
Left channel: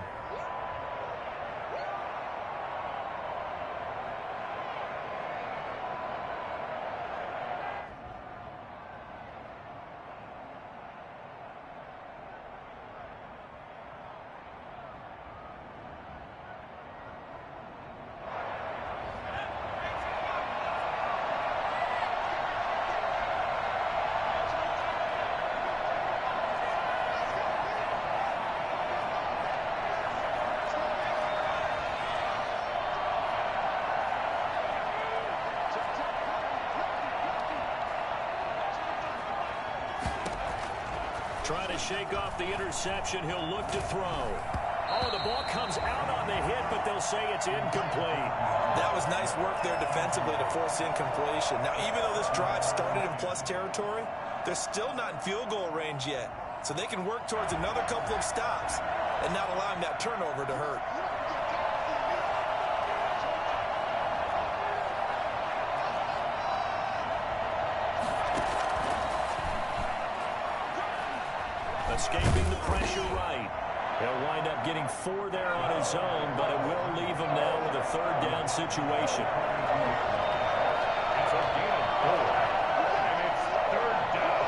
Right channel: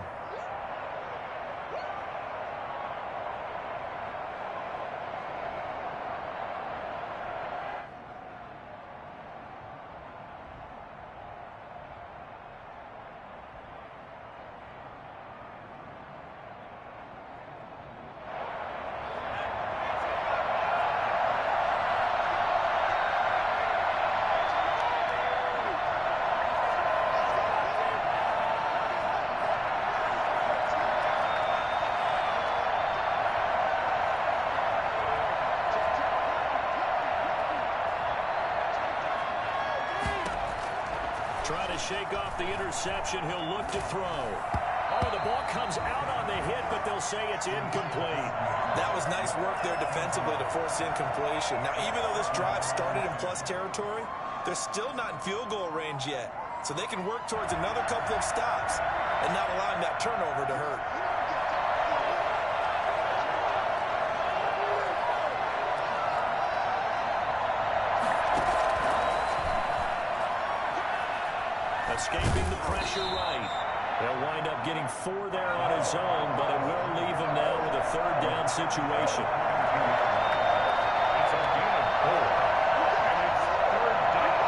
Trying to shake off the interception. He'll look to throw. Oh, the ball comes out on the hit, but they'll say it's incomplete. That was nice work there defensively to force incompletion. Now, even though this drive started in plus territory, they're still not in field goal range yet. So they can work towards another couple of stops and not allowing that turnover to hurt. Escaping the pressure right. He'll wind up getting 4 there on his own, but it will leave him now with a third down situation. It's a gain of 4, and it's third down.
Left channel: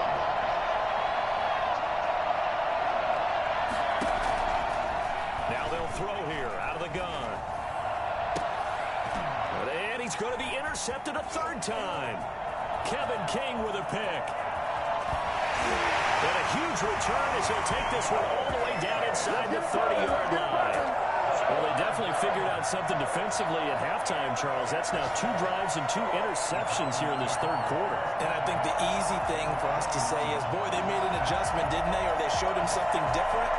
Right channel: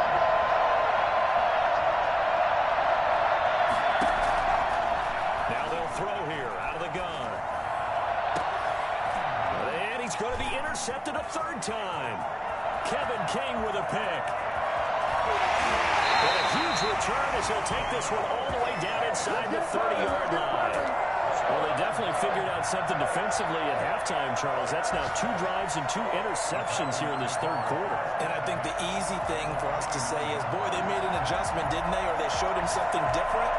Now they'll throw here out of the gun. And he's going to be intercepted a third time. Kevin King with a pick. And a huge return as he'll take this one all the way down inside the 30-yard line. Well, they definitely figured out something defensively at halftime, Charles. That's now 2 drives and 2 interceptions here in this third quarter. And I think the easy thing for us to say is, boy, they made an adjustment, didn't they? Or they showed him something different.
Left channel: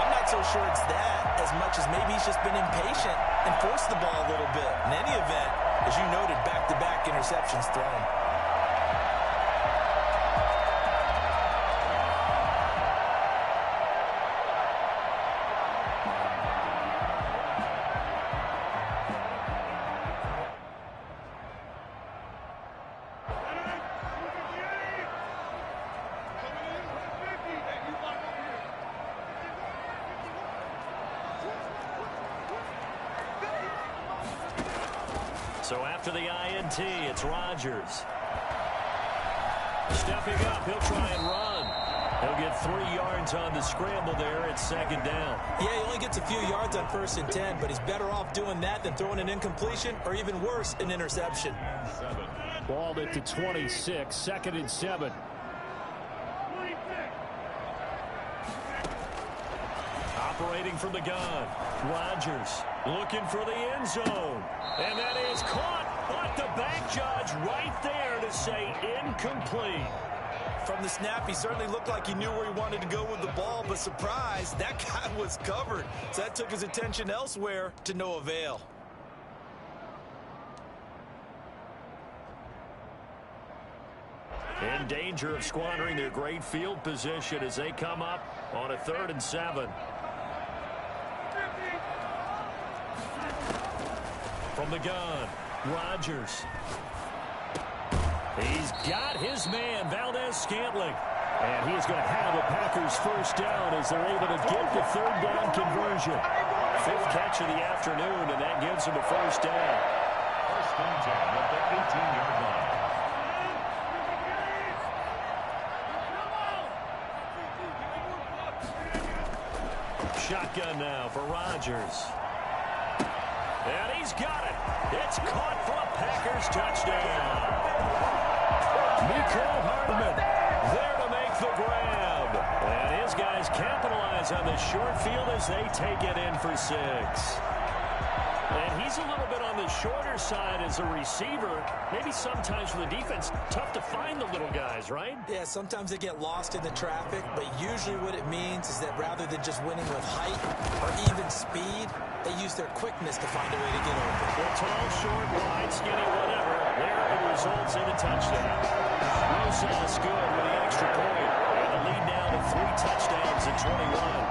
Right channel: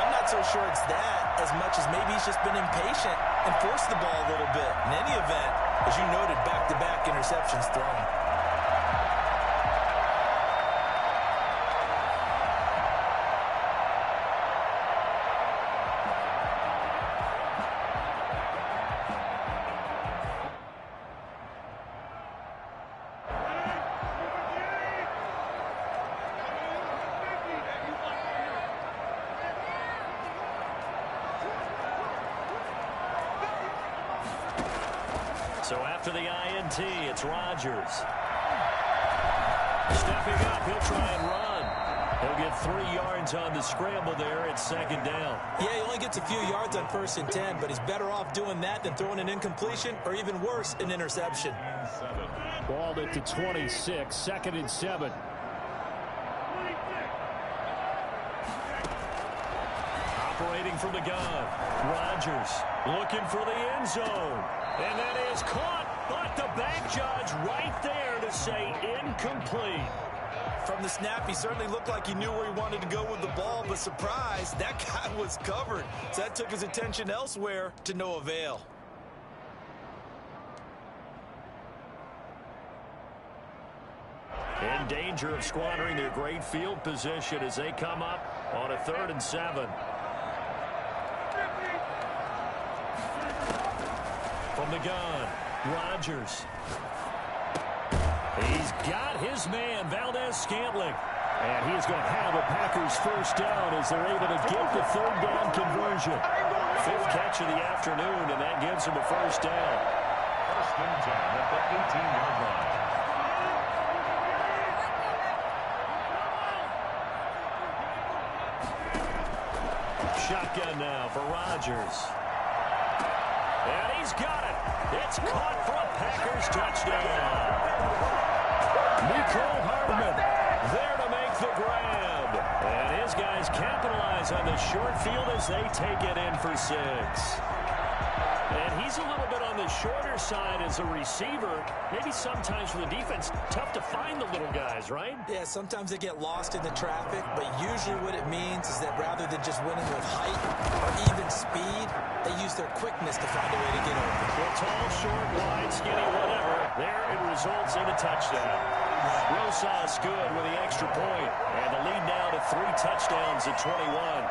I'm not so sure it's that as much as maybe he's just been impatient and forced the ball a little bit. In any event, as you noted, back-to-back interceptions thrown. So after the INT, it's Rodgers. Stepping up, he'll try and run. He'll get 3 yards on the scramble there. It's second down. Yeah, he only gets a few yards on 1st and 10, but he's better off doing that than throwing an incompletion or even worse, an interception. Ball at the 26, 2nd and 7. Operating from the gun, Rodgers looking for the end zone. And that is caught, but the back judge right there to say incomplete. From the snap, he certainly looked like he knew where he wanted to go with the ball, but surprise, that guy was covered. So that took his attention elsewhere to no avail. In danger of squandering their great field position as they come up on a 3rd and 7. From the gun, Rodgers. He's got his man, Valdez-Scantling. And he is going to have a Packers first down as they're able to get the 3rd down conversion. 5th catch of the afternoon, and that gives him a first down. 1st and 10 at the 18-yard line. Shotgun now for Rodgers. And he's got it. It's caught for a Packers touchdown. Mecole Hardman there to make the grab. And his guys capitalize on the short field as they take it in for 6. And he's a little bit on the shorter side as a receiver. Maybe sometimes for the defense, tough to find the little guys, right? Yeah, sometimes they get lost in the traffic, but usually what it means is that rather than just winning with height or even speed, they use their quickness to find a way to get open. Well, tall, short, wide, skinny, whatever. There it results in a touchdown. Rosas good with the extra point, and the lead now to 3 touchdowns at 21.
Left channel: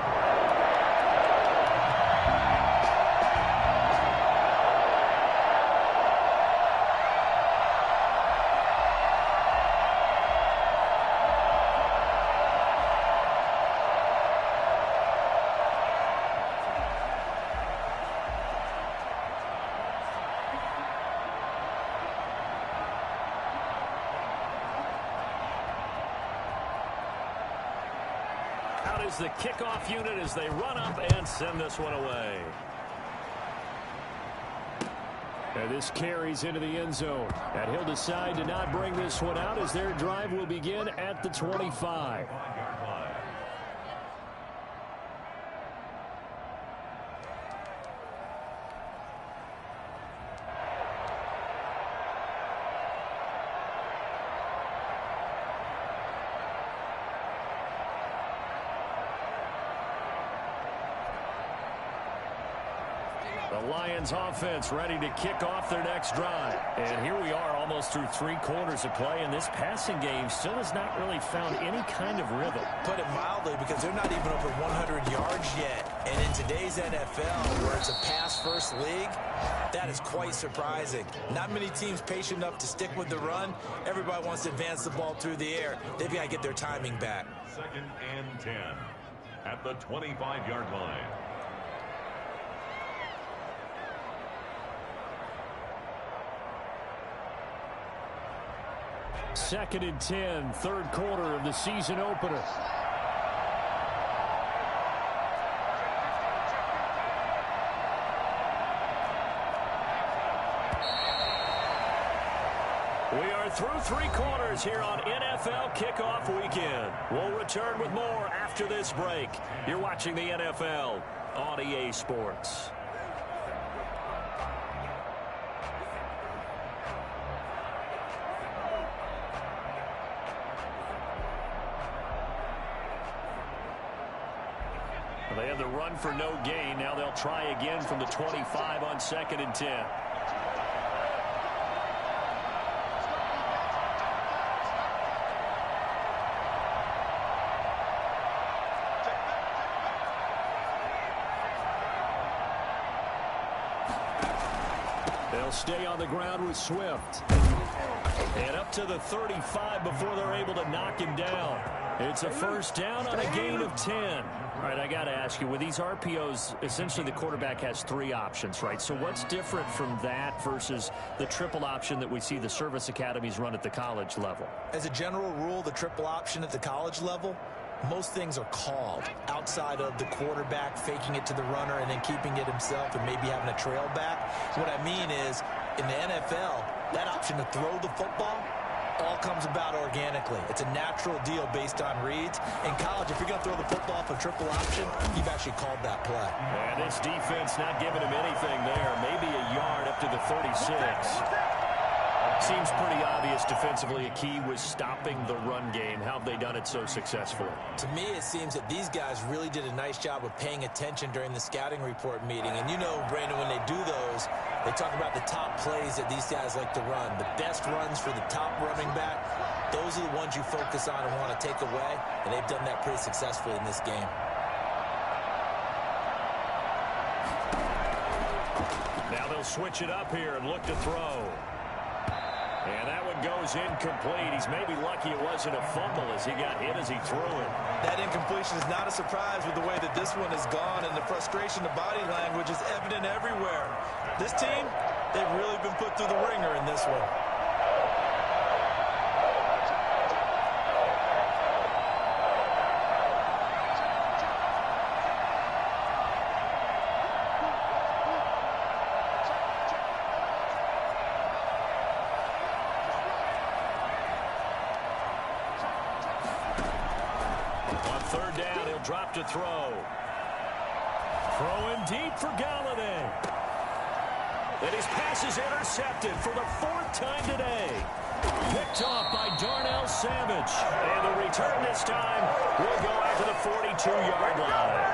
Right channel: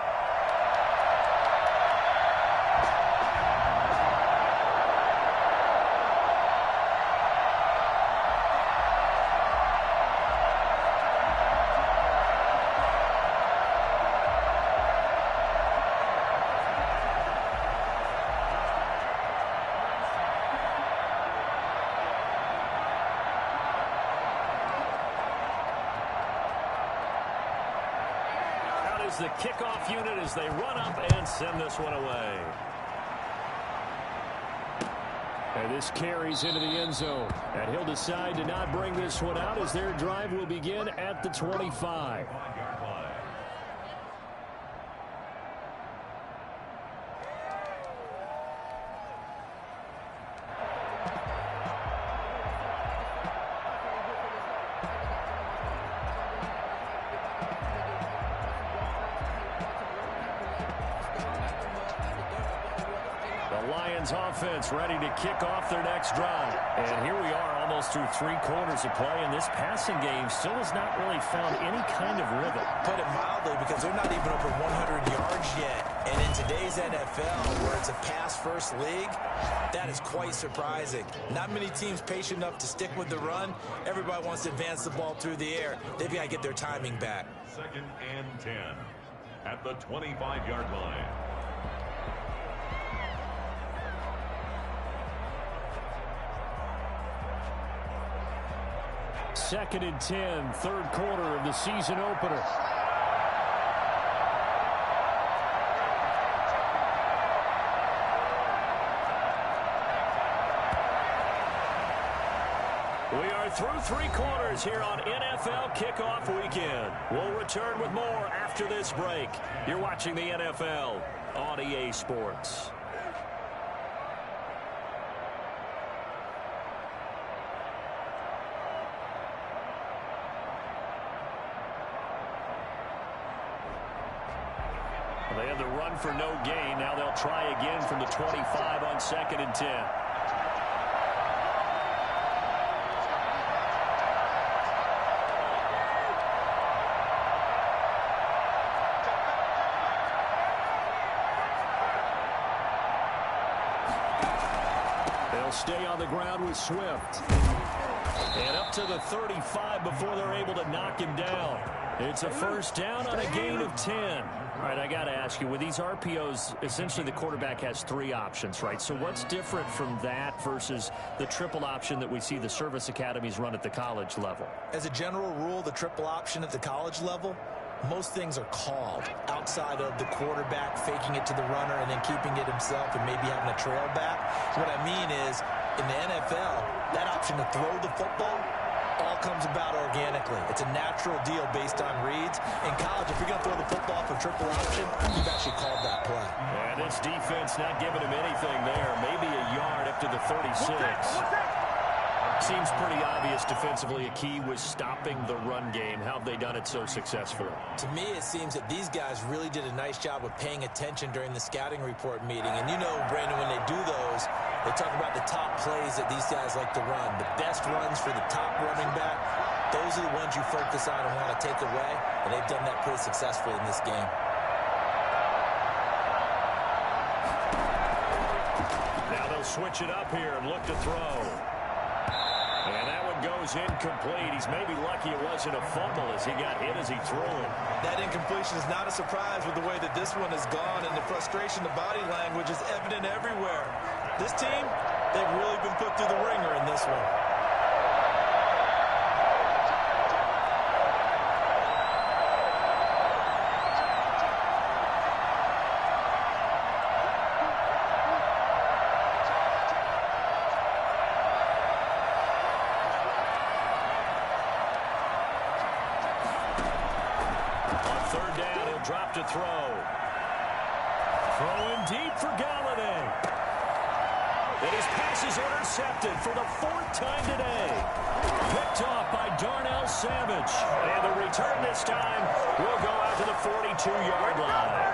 Out is the kickoff unit as they run up and send this one away. And this carries into the end zone. And he'll decide to not bring this one out as their drive will begin at the 25. The Lions offense ready to kick off their next drive. And here we are almost through 3 quarters of play, and this passing game still has not really found any kind of rhythm. Put it mildly, because they're not even over 100 yards yet. And in today's NFL, where it's a pass-first league, that is quite surprising. Not many teams patient enough to stick with the run. Everybody wants to advance the ball through the air. They've got to get their timing back. 2nd and 10. at the 25-yard line. Second and 10, third quarter of the season opener. We are through three quarters here on NFL Kickoff Weekend. We'll return with more after this break. You're watching the NFL on EA Sports. They had the run for no gain. Now they'll try again from the 25 on second and 10. They'll stay on the ground with Swift. And up to the 35 before they're able to knock him down. It's a first down on a gain of 10. All right, I got to ask you, with these RPOs, essentially the quarterback has three options, right? So what's different from that versus the triple option that we see the service academies run at the college level? As a general rule, the triple option at the college level, most things are called outside of the quarterback faking it to the runner and then keeping it himself and maybe having a trail back. What I mean is, in the NFL, that option to throw the football all comes about organically. It's a natural deal based on reads. In college, if you're going to throw the football off a triple option, you've actually called that play. And this defense not giving him anything there. Maybe a yard up to the 36. Seems pretty obvious defensively. A key was stopping the run game. How have they done it so successfully? To me, it seems that these guys really did a nice job of paying attention during the scouting report meeting. And you know, Brandon, when they do those, they talk about the top plays that these guys like to run. The best runs for the top running back, those are the ones you focus on and want to take away. And they've done that pretty successfully in this game. Now they'll switch it up here and look to throw. And that one goes incomplete. He's maybe lucky it wasn't a fumble as he got hit as he threw it. That incompletion is not a surprise with the way that this one has gone, and the frustration, the body language is evident everywhere. This team, they've really been put through the ringer in this one. Drop to throw. Throwing deep for Galladay. And his pass is intercepted for the fourth time today. Picked off by Darnell Savage. And the return this time will go out to the 42-yard line.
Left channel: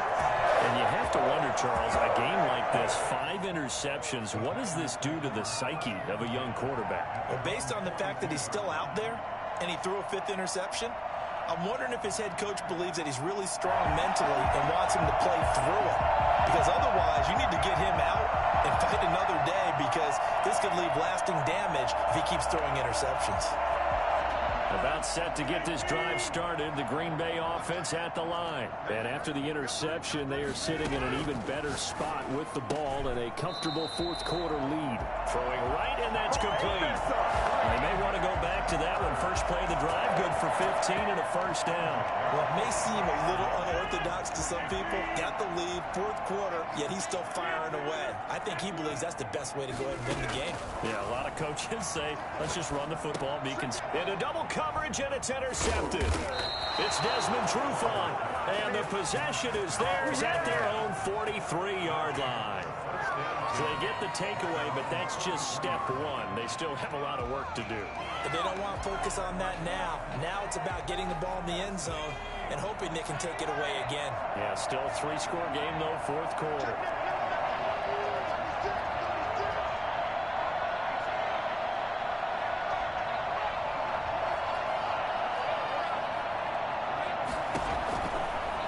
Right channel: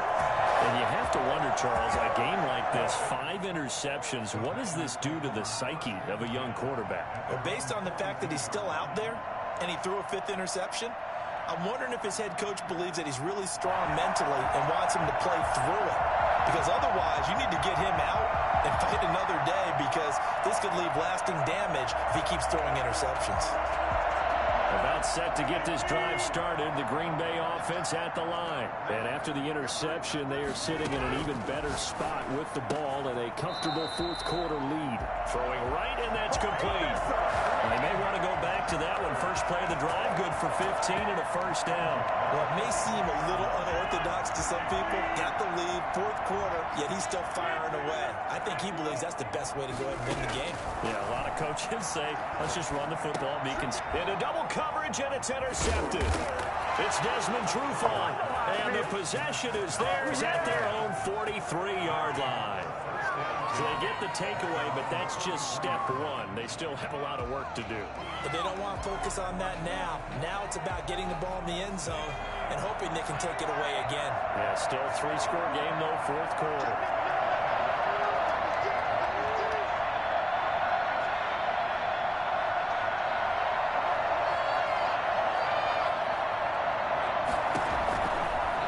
And you have to wonder, Charles, a game like this, 5 interceptions, what does this do to the psyche of a young quarterback? Well, based on the fact that he's still out there and he threw a 5th interception, I'm wondering if his head coach believes that he's really strong mentally and wants him to play through it. Because otherwise, you need to get him out and fight another day, because this could leave lasting damage if he keeps throwing interceptions. About set to get this drive started, the Green Bay offense at the line. And after the interception, they are sitting in an even better spot with the ball and a comfortable fourth quarter lead. Throwing right, and that's complete. They may want to go back to that one. First play of the drive, good for 15 and a first down. Well, it may seem a little unorthodox to some people. Got the lead, fourth quarter, yet he's still firing away. I think he believes that's the best way to go ahead and win the game. Yeah, a lot of coaches say, let's just run the football. In a double coverage, and it's intercepted. It's Desmond Trufant, and the possession is theirs at their own 43-yard line. So they get the takeaway, but that's just step one. They still have a lot of work to do. But they don't want to focus on that now. Now it's about getting the ball in the end zone and hoping they can take it away again. Yeah, still a 3-score game, though, fourth quarter.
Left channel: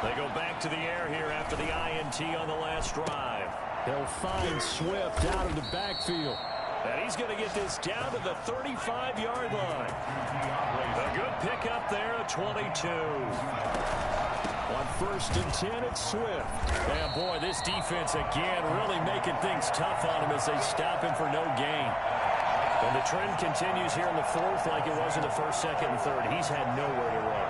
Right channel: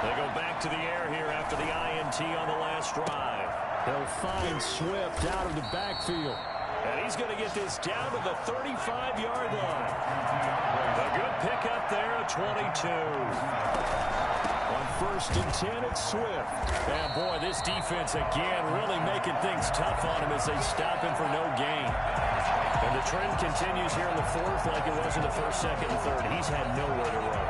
They go back to the air here after the INT on the last drive. They'll find Swift out of the backfield. And he's going to get this down to the 35-yard line. A good pickup there, a 22. On 1st and 10, it's Swift. And boy, this defense again really making things tough on him as they stop him for no gain. And the trend continues here in the 4th like it was in the 1st, 2nd, and 3rd. He's had nowhere to run.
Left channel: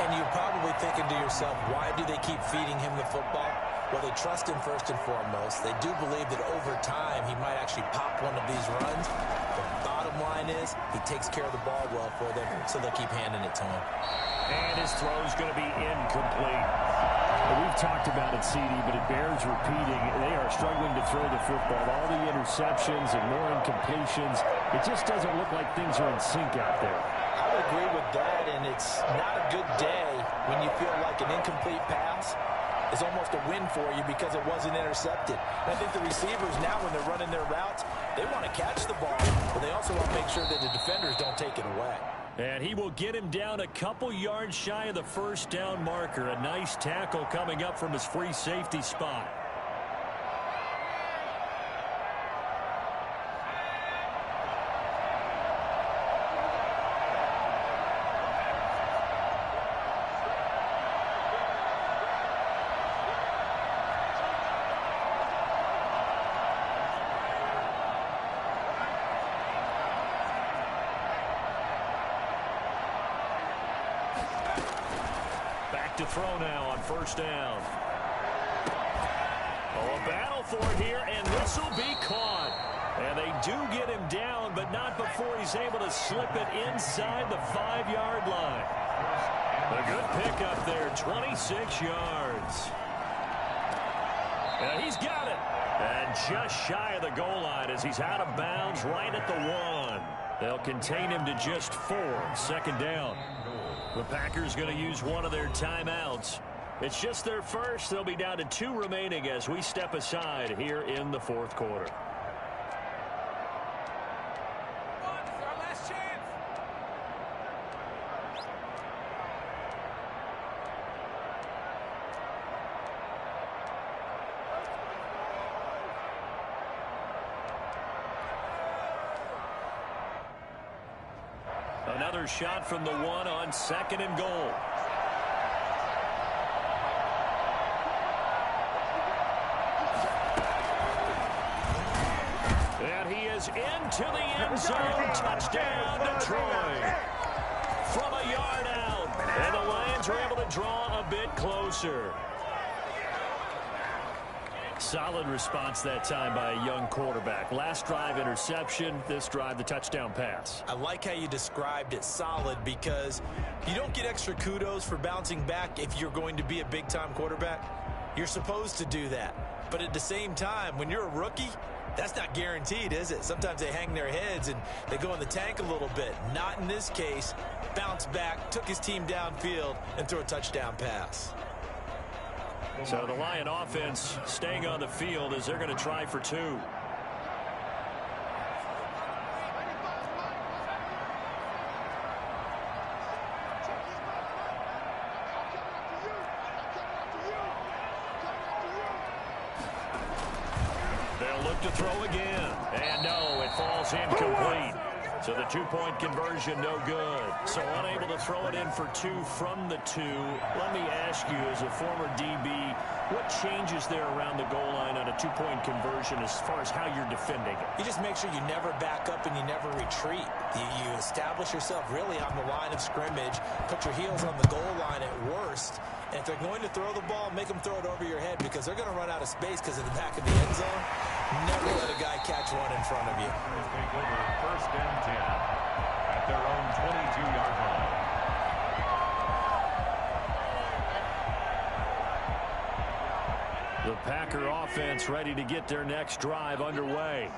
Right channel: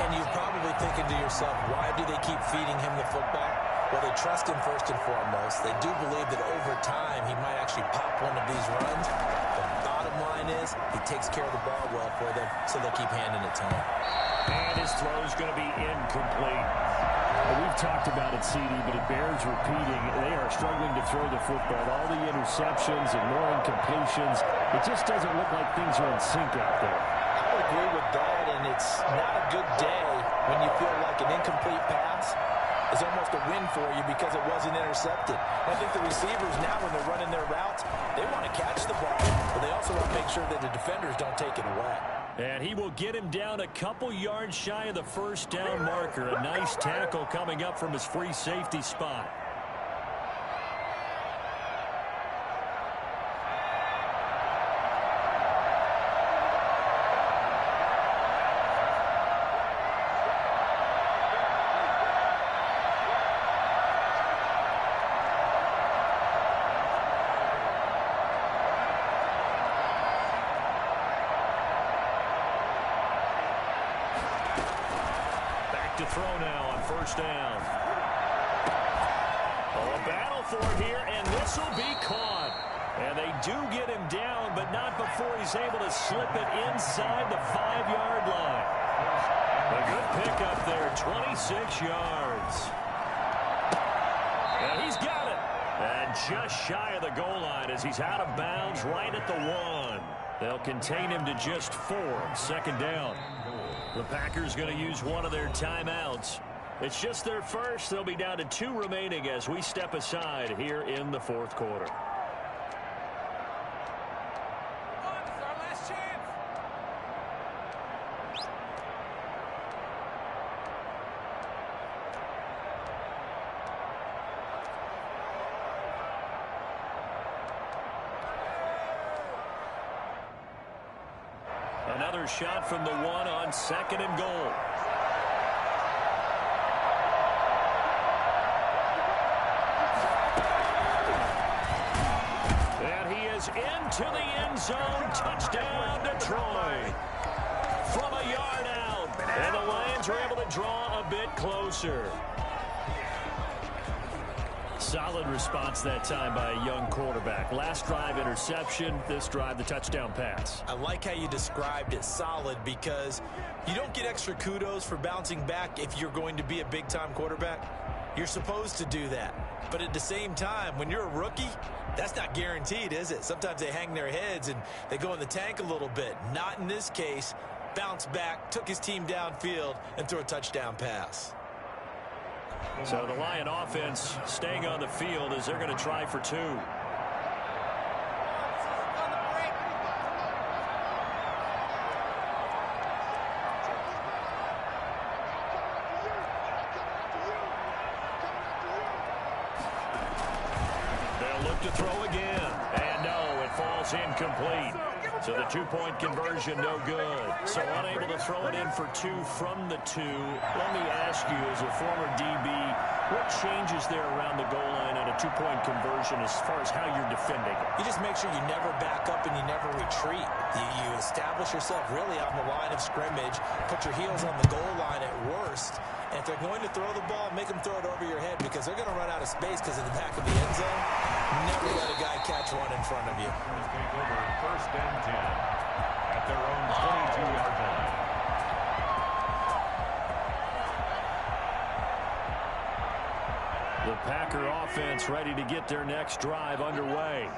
And you're probably thinking to yourself, why do they keep feeding him the football? Well, they trust him first and foremost. They do believe that over time he might actually pop one of these runs. The bottom line is he takes care of the ball well for them, so they'll keep handing it to him. And his throw's going to be incomplete. Well, we've talked about it, CD, but it bears repeating. They are struggling to throw the football. All the interceptions and more incompletions. It just doesn't look like things are in sync out there. I would agree with that, and it's not a good day when you feel like an incomplete pass is almost a win for you because it wasn't intercepted. And I think the receivers now, when they're running their routes, they want to catch the ball, but they also want to make sure that the defenders don't take it away. And he will get him down a couple yards shy of the 1st down marker. A nice tackle coming up from his free safety spot. To throw now on 1st down. Oh, a battle for it here, and this will be caught. And they do get him down, but not before he's able to slip it inside the 5-yard line. A good pickup there, 26 yards. And he's got it. And just shy of the goal line as he's out of bounds right at the 1. They'll contain him to just 4. 2nd down. The Packers going to use one of their timeouts. It's just their first. They'll be down to 2 remaining as we step aside here in the 4th quarter. Come on, this is our last chance. Another shot from the 1 on 2nd and goal. And he is into the end zone. Touchdown, Detroit. From a yard out. And the Lions are able to draw a bit closer. Solid response that time by a young quarterback. Last drive, interception. This drive, the touchdown pass. I like how you described it, solid, because you don't get extra kudos for bouncing back if you're going to be a big-time quarterback. You're supposed to do that. But at the same time, when you're a rookie, that's not guaranteed, is it? Sometimes they hang their heads and they go in the tank a little bit. Not in this case. Bounced back, took his team downfield, and threw a touchdown pass. So the Lion offense staying on the field as they're going to try for 2. They'll look to throw again. And no, it falls incomplete. So the 2-point conversion, no good. So unable to throw it in for 2 from the 2. Let me ask you, as a former DB, what changes there around the goal line on a 2-point conversion as far as how you're defending it? You just make sure you never back up and you never retreat. You establish yourself really on the line of scrimmage, put your heels on the goal line at worst, and if they're going to throw the ball, make them throw it over your head because they're going to run out of space because of the back of the end zone. Never let a guy catch one in front of you. Take over 1st and 10 at their own 22-yard line. The Packer offense ready to get their next drive underway.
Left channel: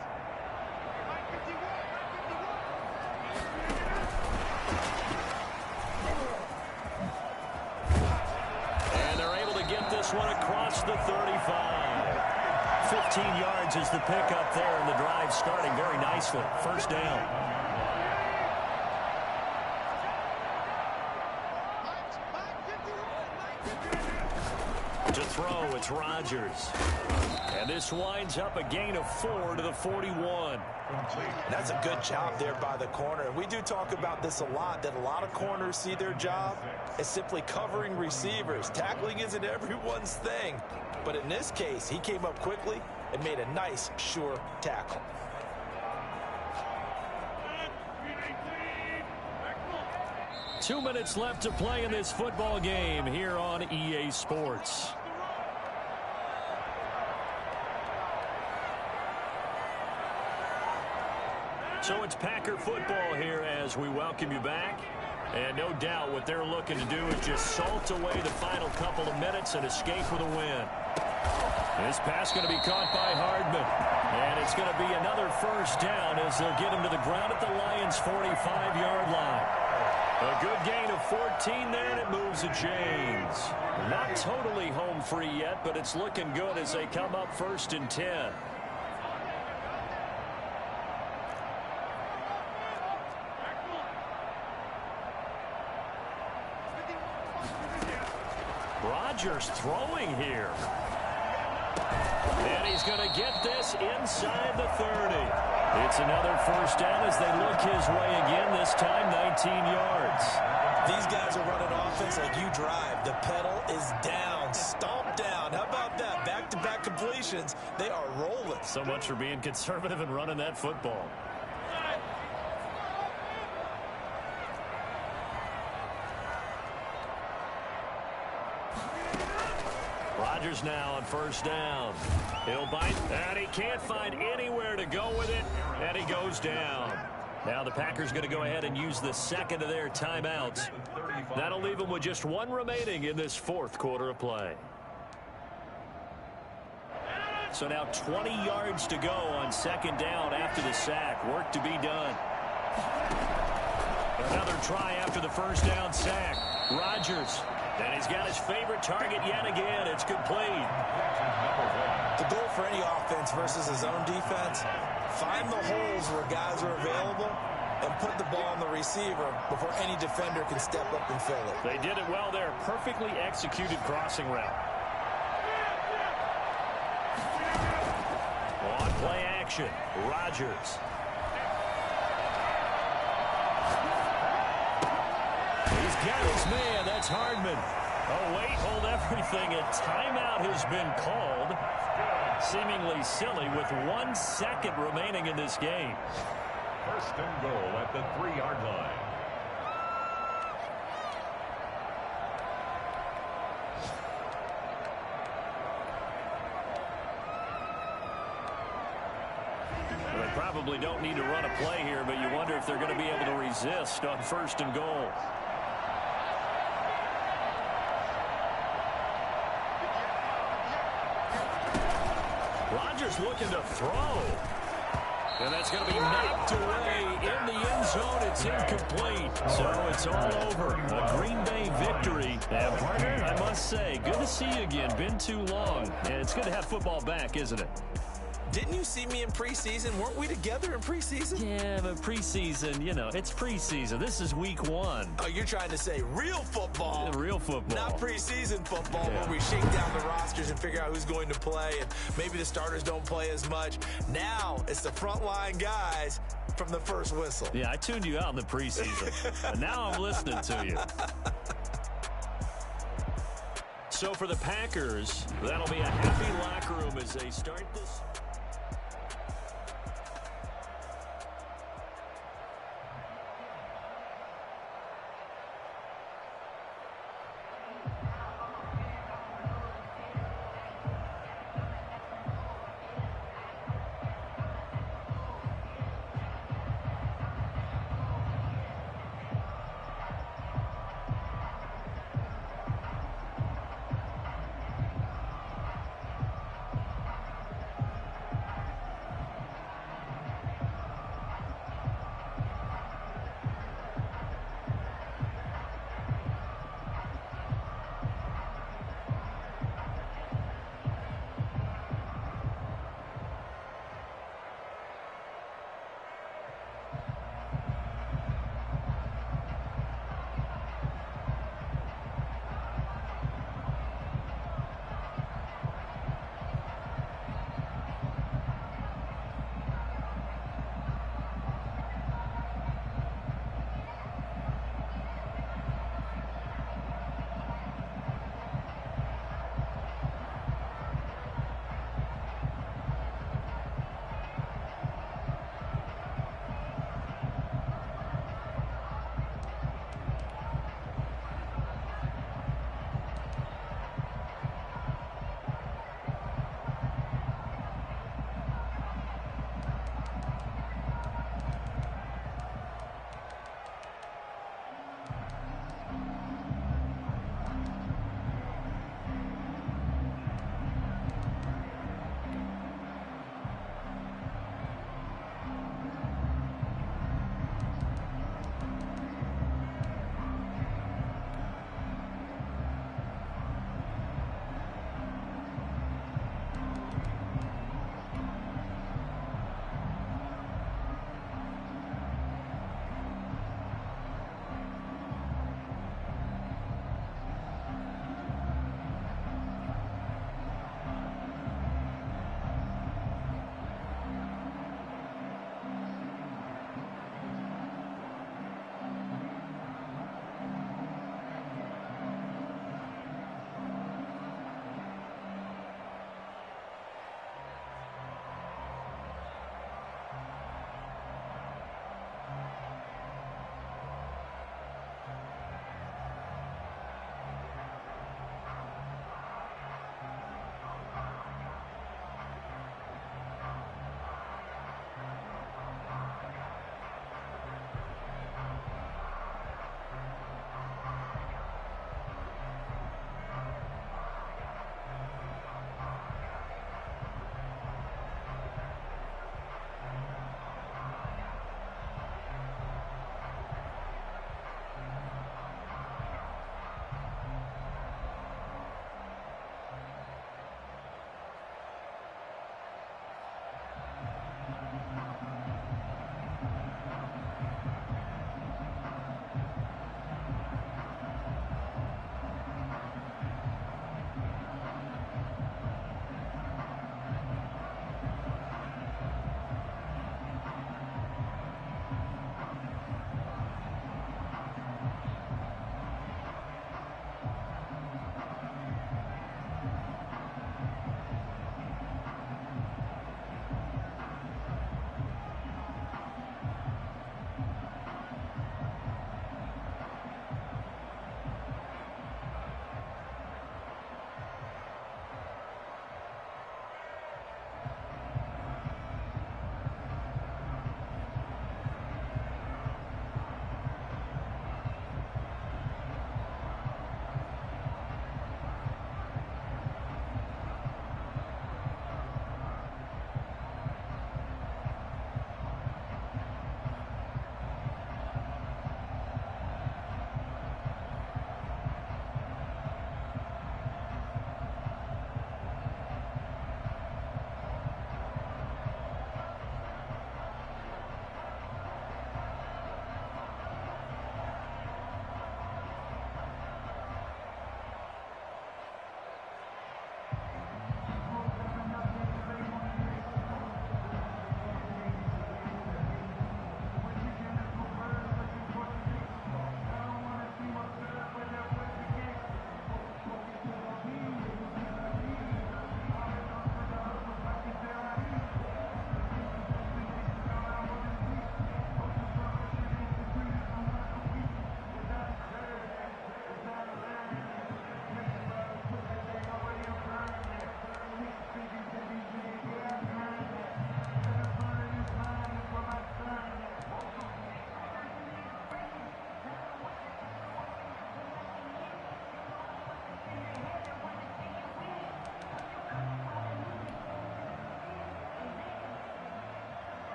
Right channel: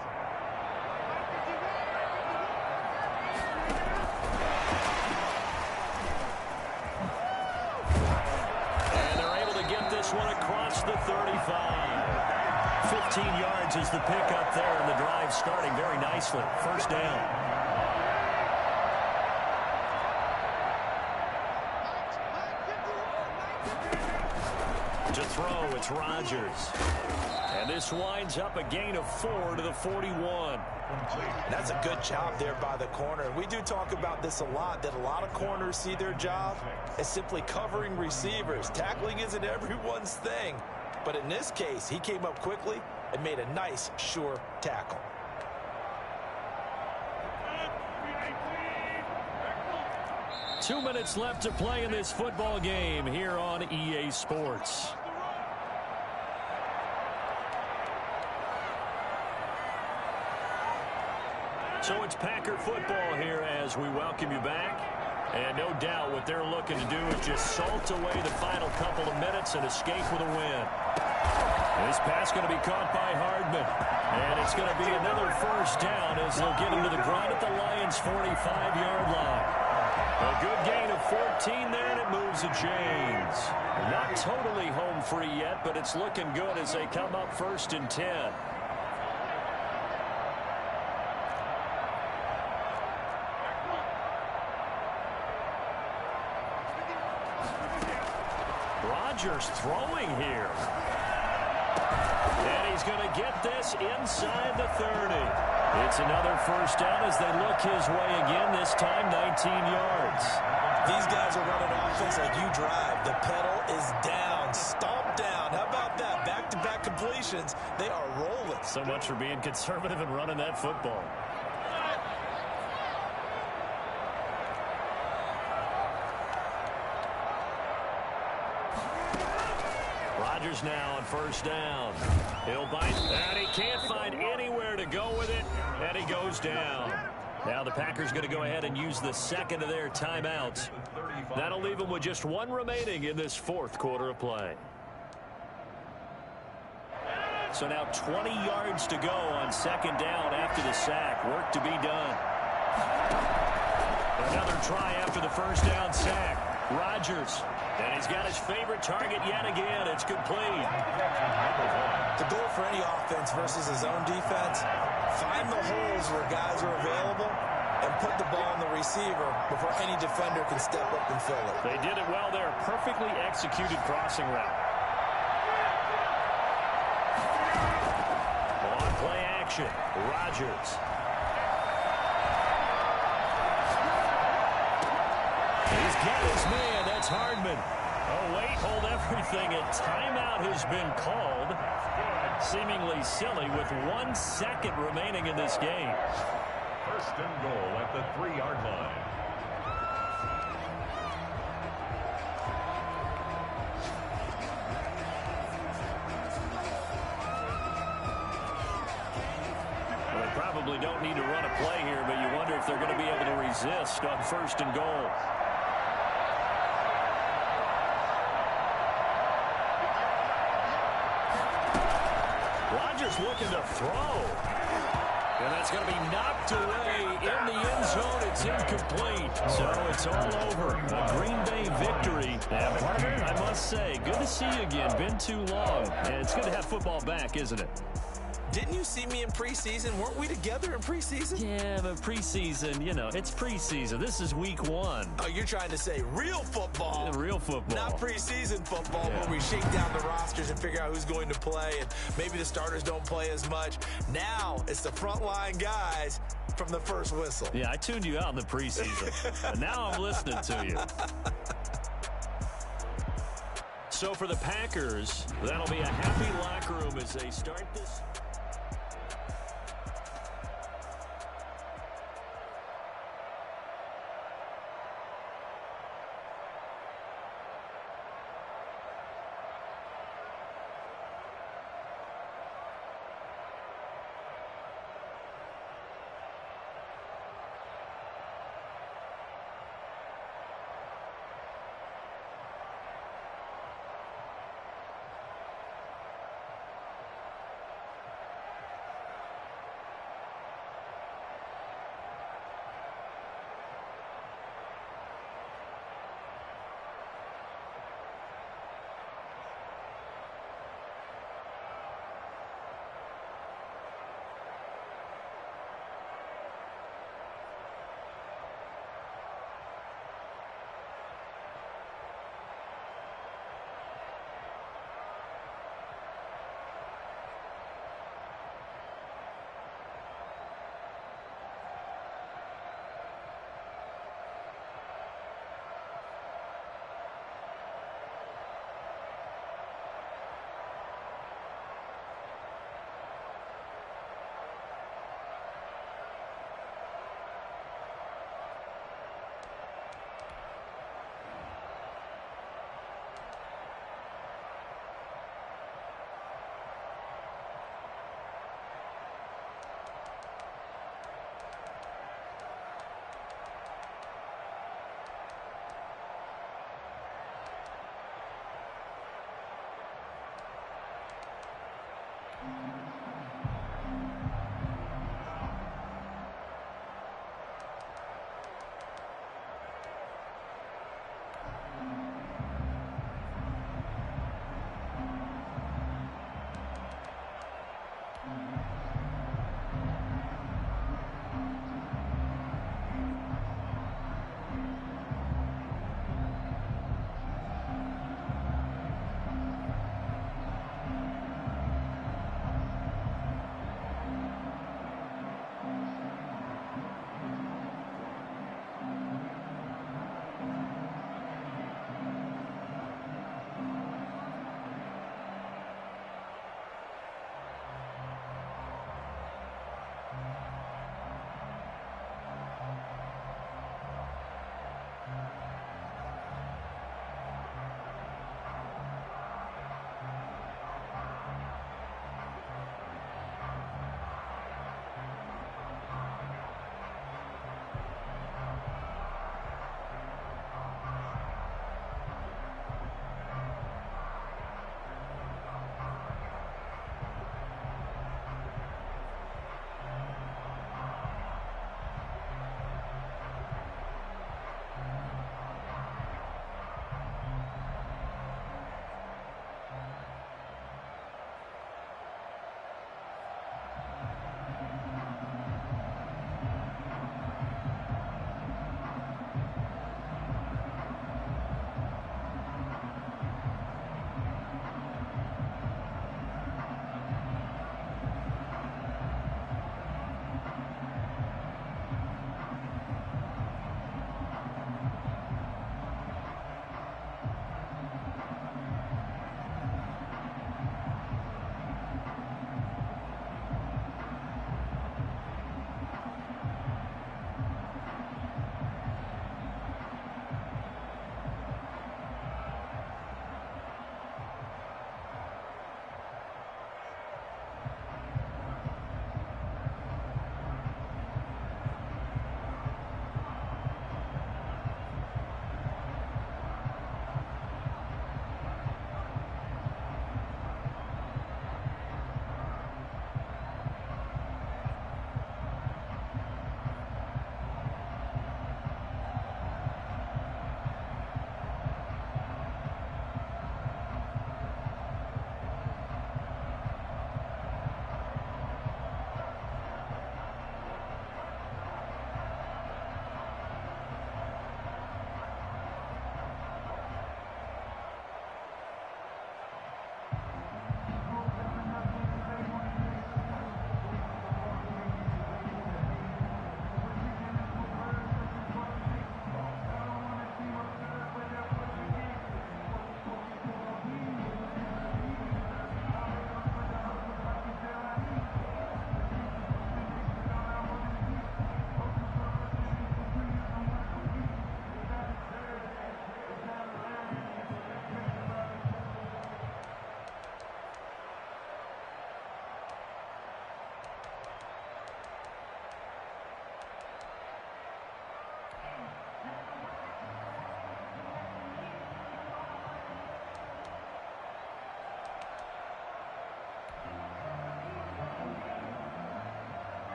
And they're able to get this one across the 35. 15 yards is the pickup there, and the drive starting very nicely. 1st down. To throw, it's Rodgers. And this winds up a gain of 4 to the 41. That's a good job there by the corner. We do talk about this a lot, that a lot of corners see their job as simply covering receivers. Tackling isn't everyone's thing. But in this case, he came up quickly and made a nice, sure tackle. Two minutes left to play in this football game here on EA Sports. So it's Packer football here as we welcome you back. And no doubt what they're looking to do is just salt away the final couple of minutes and escape with a win. This pass going to be caught by Hardman. And it's going to be another first down as they'll get him to the ground at the Lions' 45-yard line. A good gain of 14 there, and it moves the chains. Not totally home free yet, but it's looking good as they come up 1st and 10. Rodgers throwing here. And he's going to get this inside the 30. It's another first down as they look his way again, this time 19 yards. These guys are running offense like you drive. The pedal is down, stomp down. How about that? Back-to-back completions. They are rolling. So much for being conservative and running that football. Rodgers now on first down. He'll bite, and he can't find anywhere to go with it, and he goes down. Now the Packers going to go ahead and use the second of their timeouts. That'll leave them with just one remaining in this fourth quarter of play. So now 20 yards to go on second down after the sack. Work to be done. Another try after the first down sack. Rodgers. And he's got his favorite target yet again. It's complete. The goal for any offense versus his own defense, find the holes where guys are available and put the ball on the receiver before any defender can step up and fill it. They did it well there. Perfectly executed crossing route. On play action, Rodgers. He's got his man. That's Hardman. Oh, wait, hold everything. A timeout has been called. Seemingly silly with 1 second remaining in this game. First and goal at the 3-yard line. Well, they probably don't need to run a play here, but you wonder if they're going to be able to resist on first and goal. Rodgers looking to throw. And that's going to be knocked away in the end zone. It's incomplete. So it's all over. A Green Bay victory. And partner, I must say, good to see you again. Been too long. And it's good to have football back, isn't it? Didn't you see me in preseason? Weren't we together in preseason? Yeah, but preseason, you know, it's preseason. This is week 1. Oh, you're trying to say real football. Yeah, real football. Not preseason football where we shake down the rosters and figure out who's going to play, and maybe the starters don't play as much. Now it's the frontline guys from the first whistle. Yeah, I tuned you out in the preseason. And now I'm listening to you. So for the Packers, that'll be a happy locker room as they start this.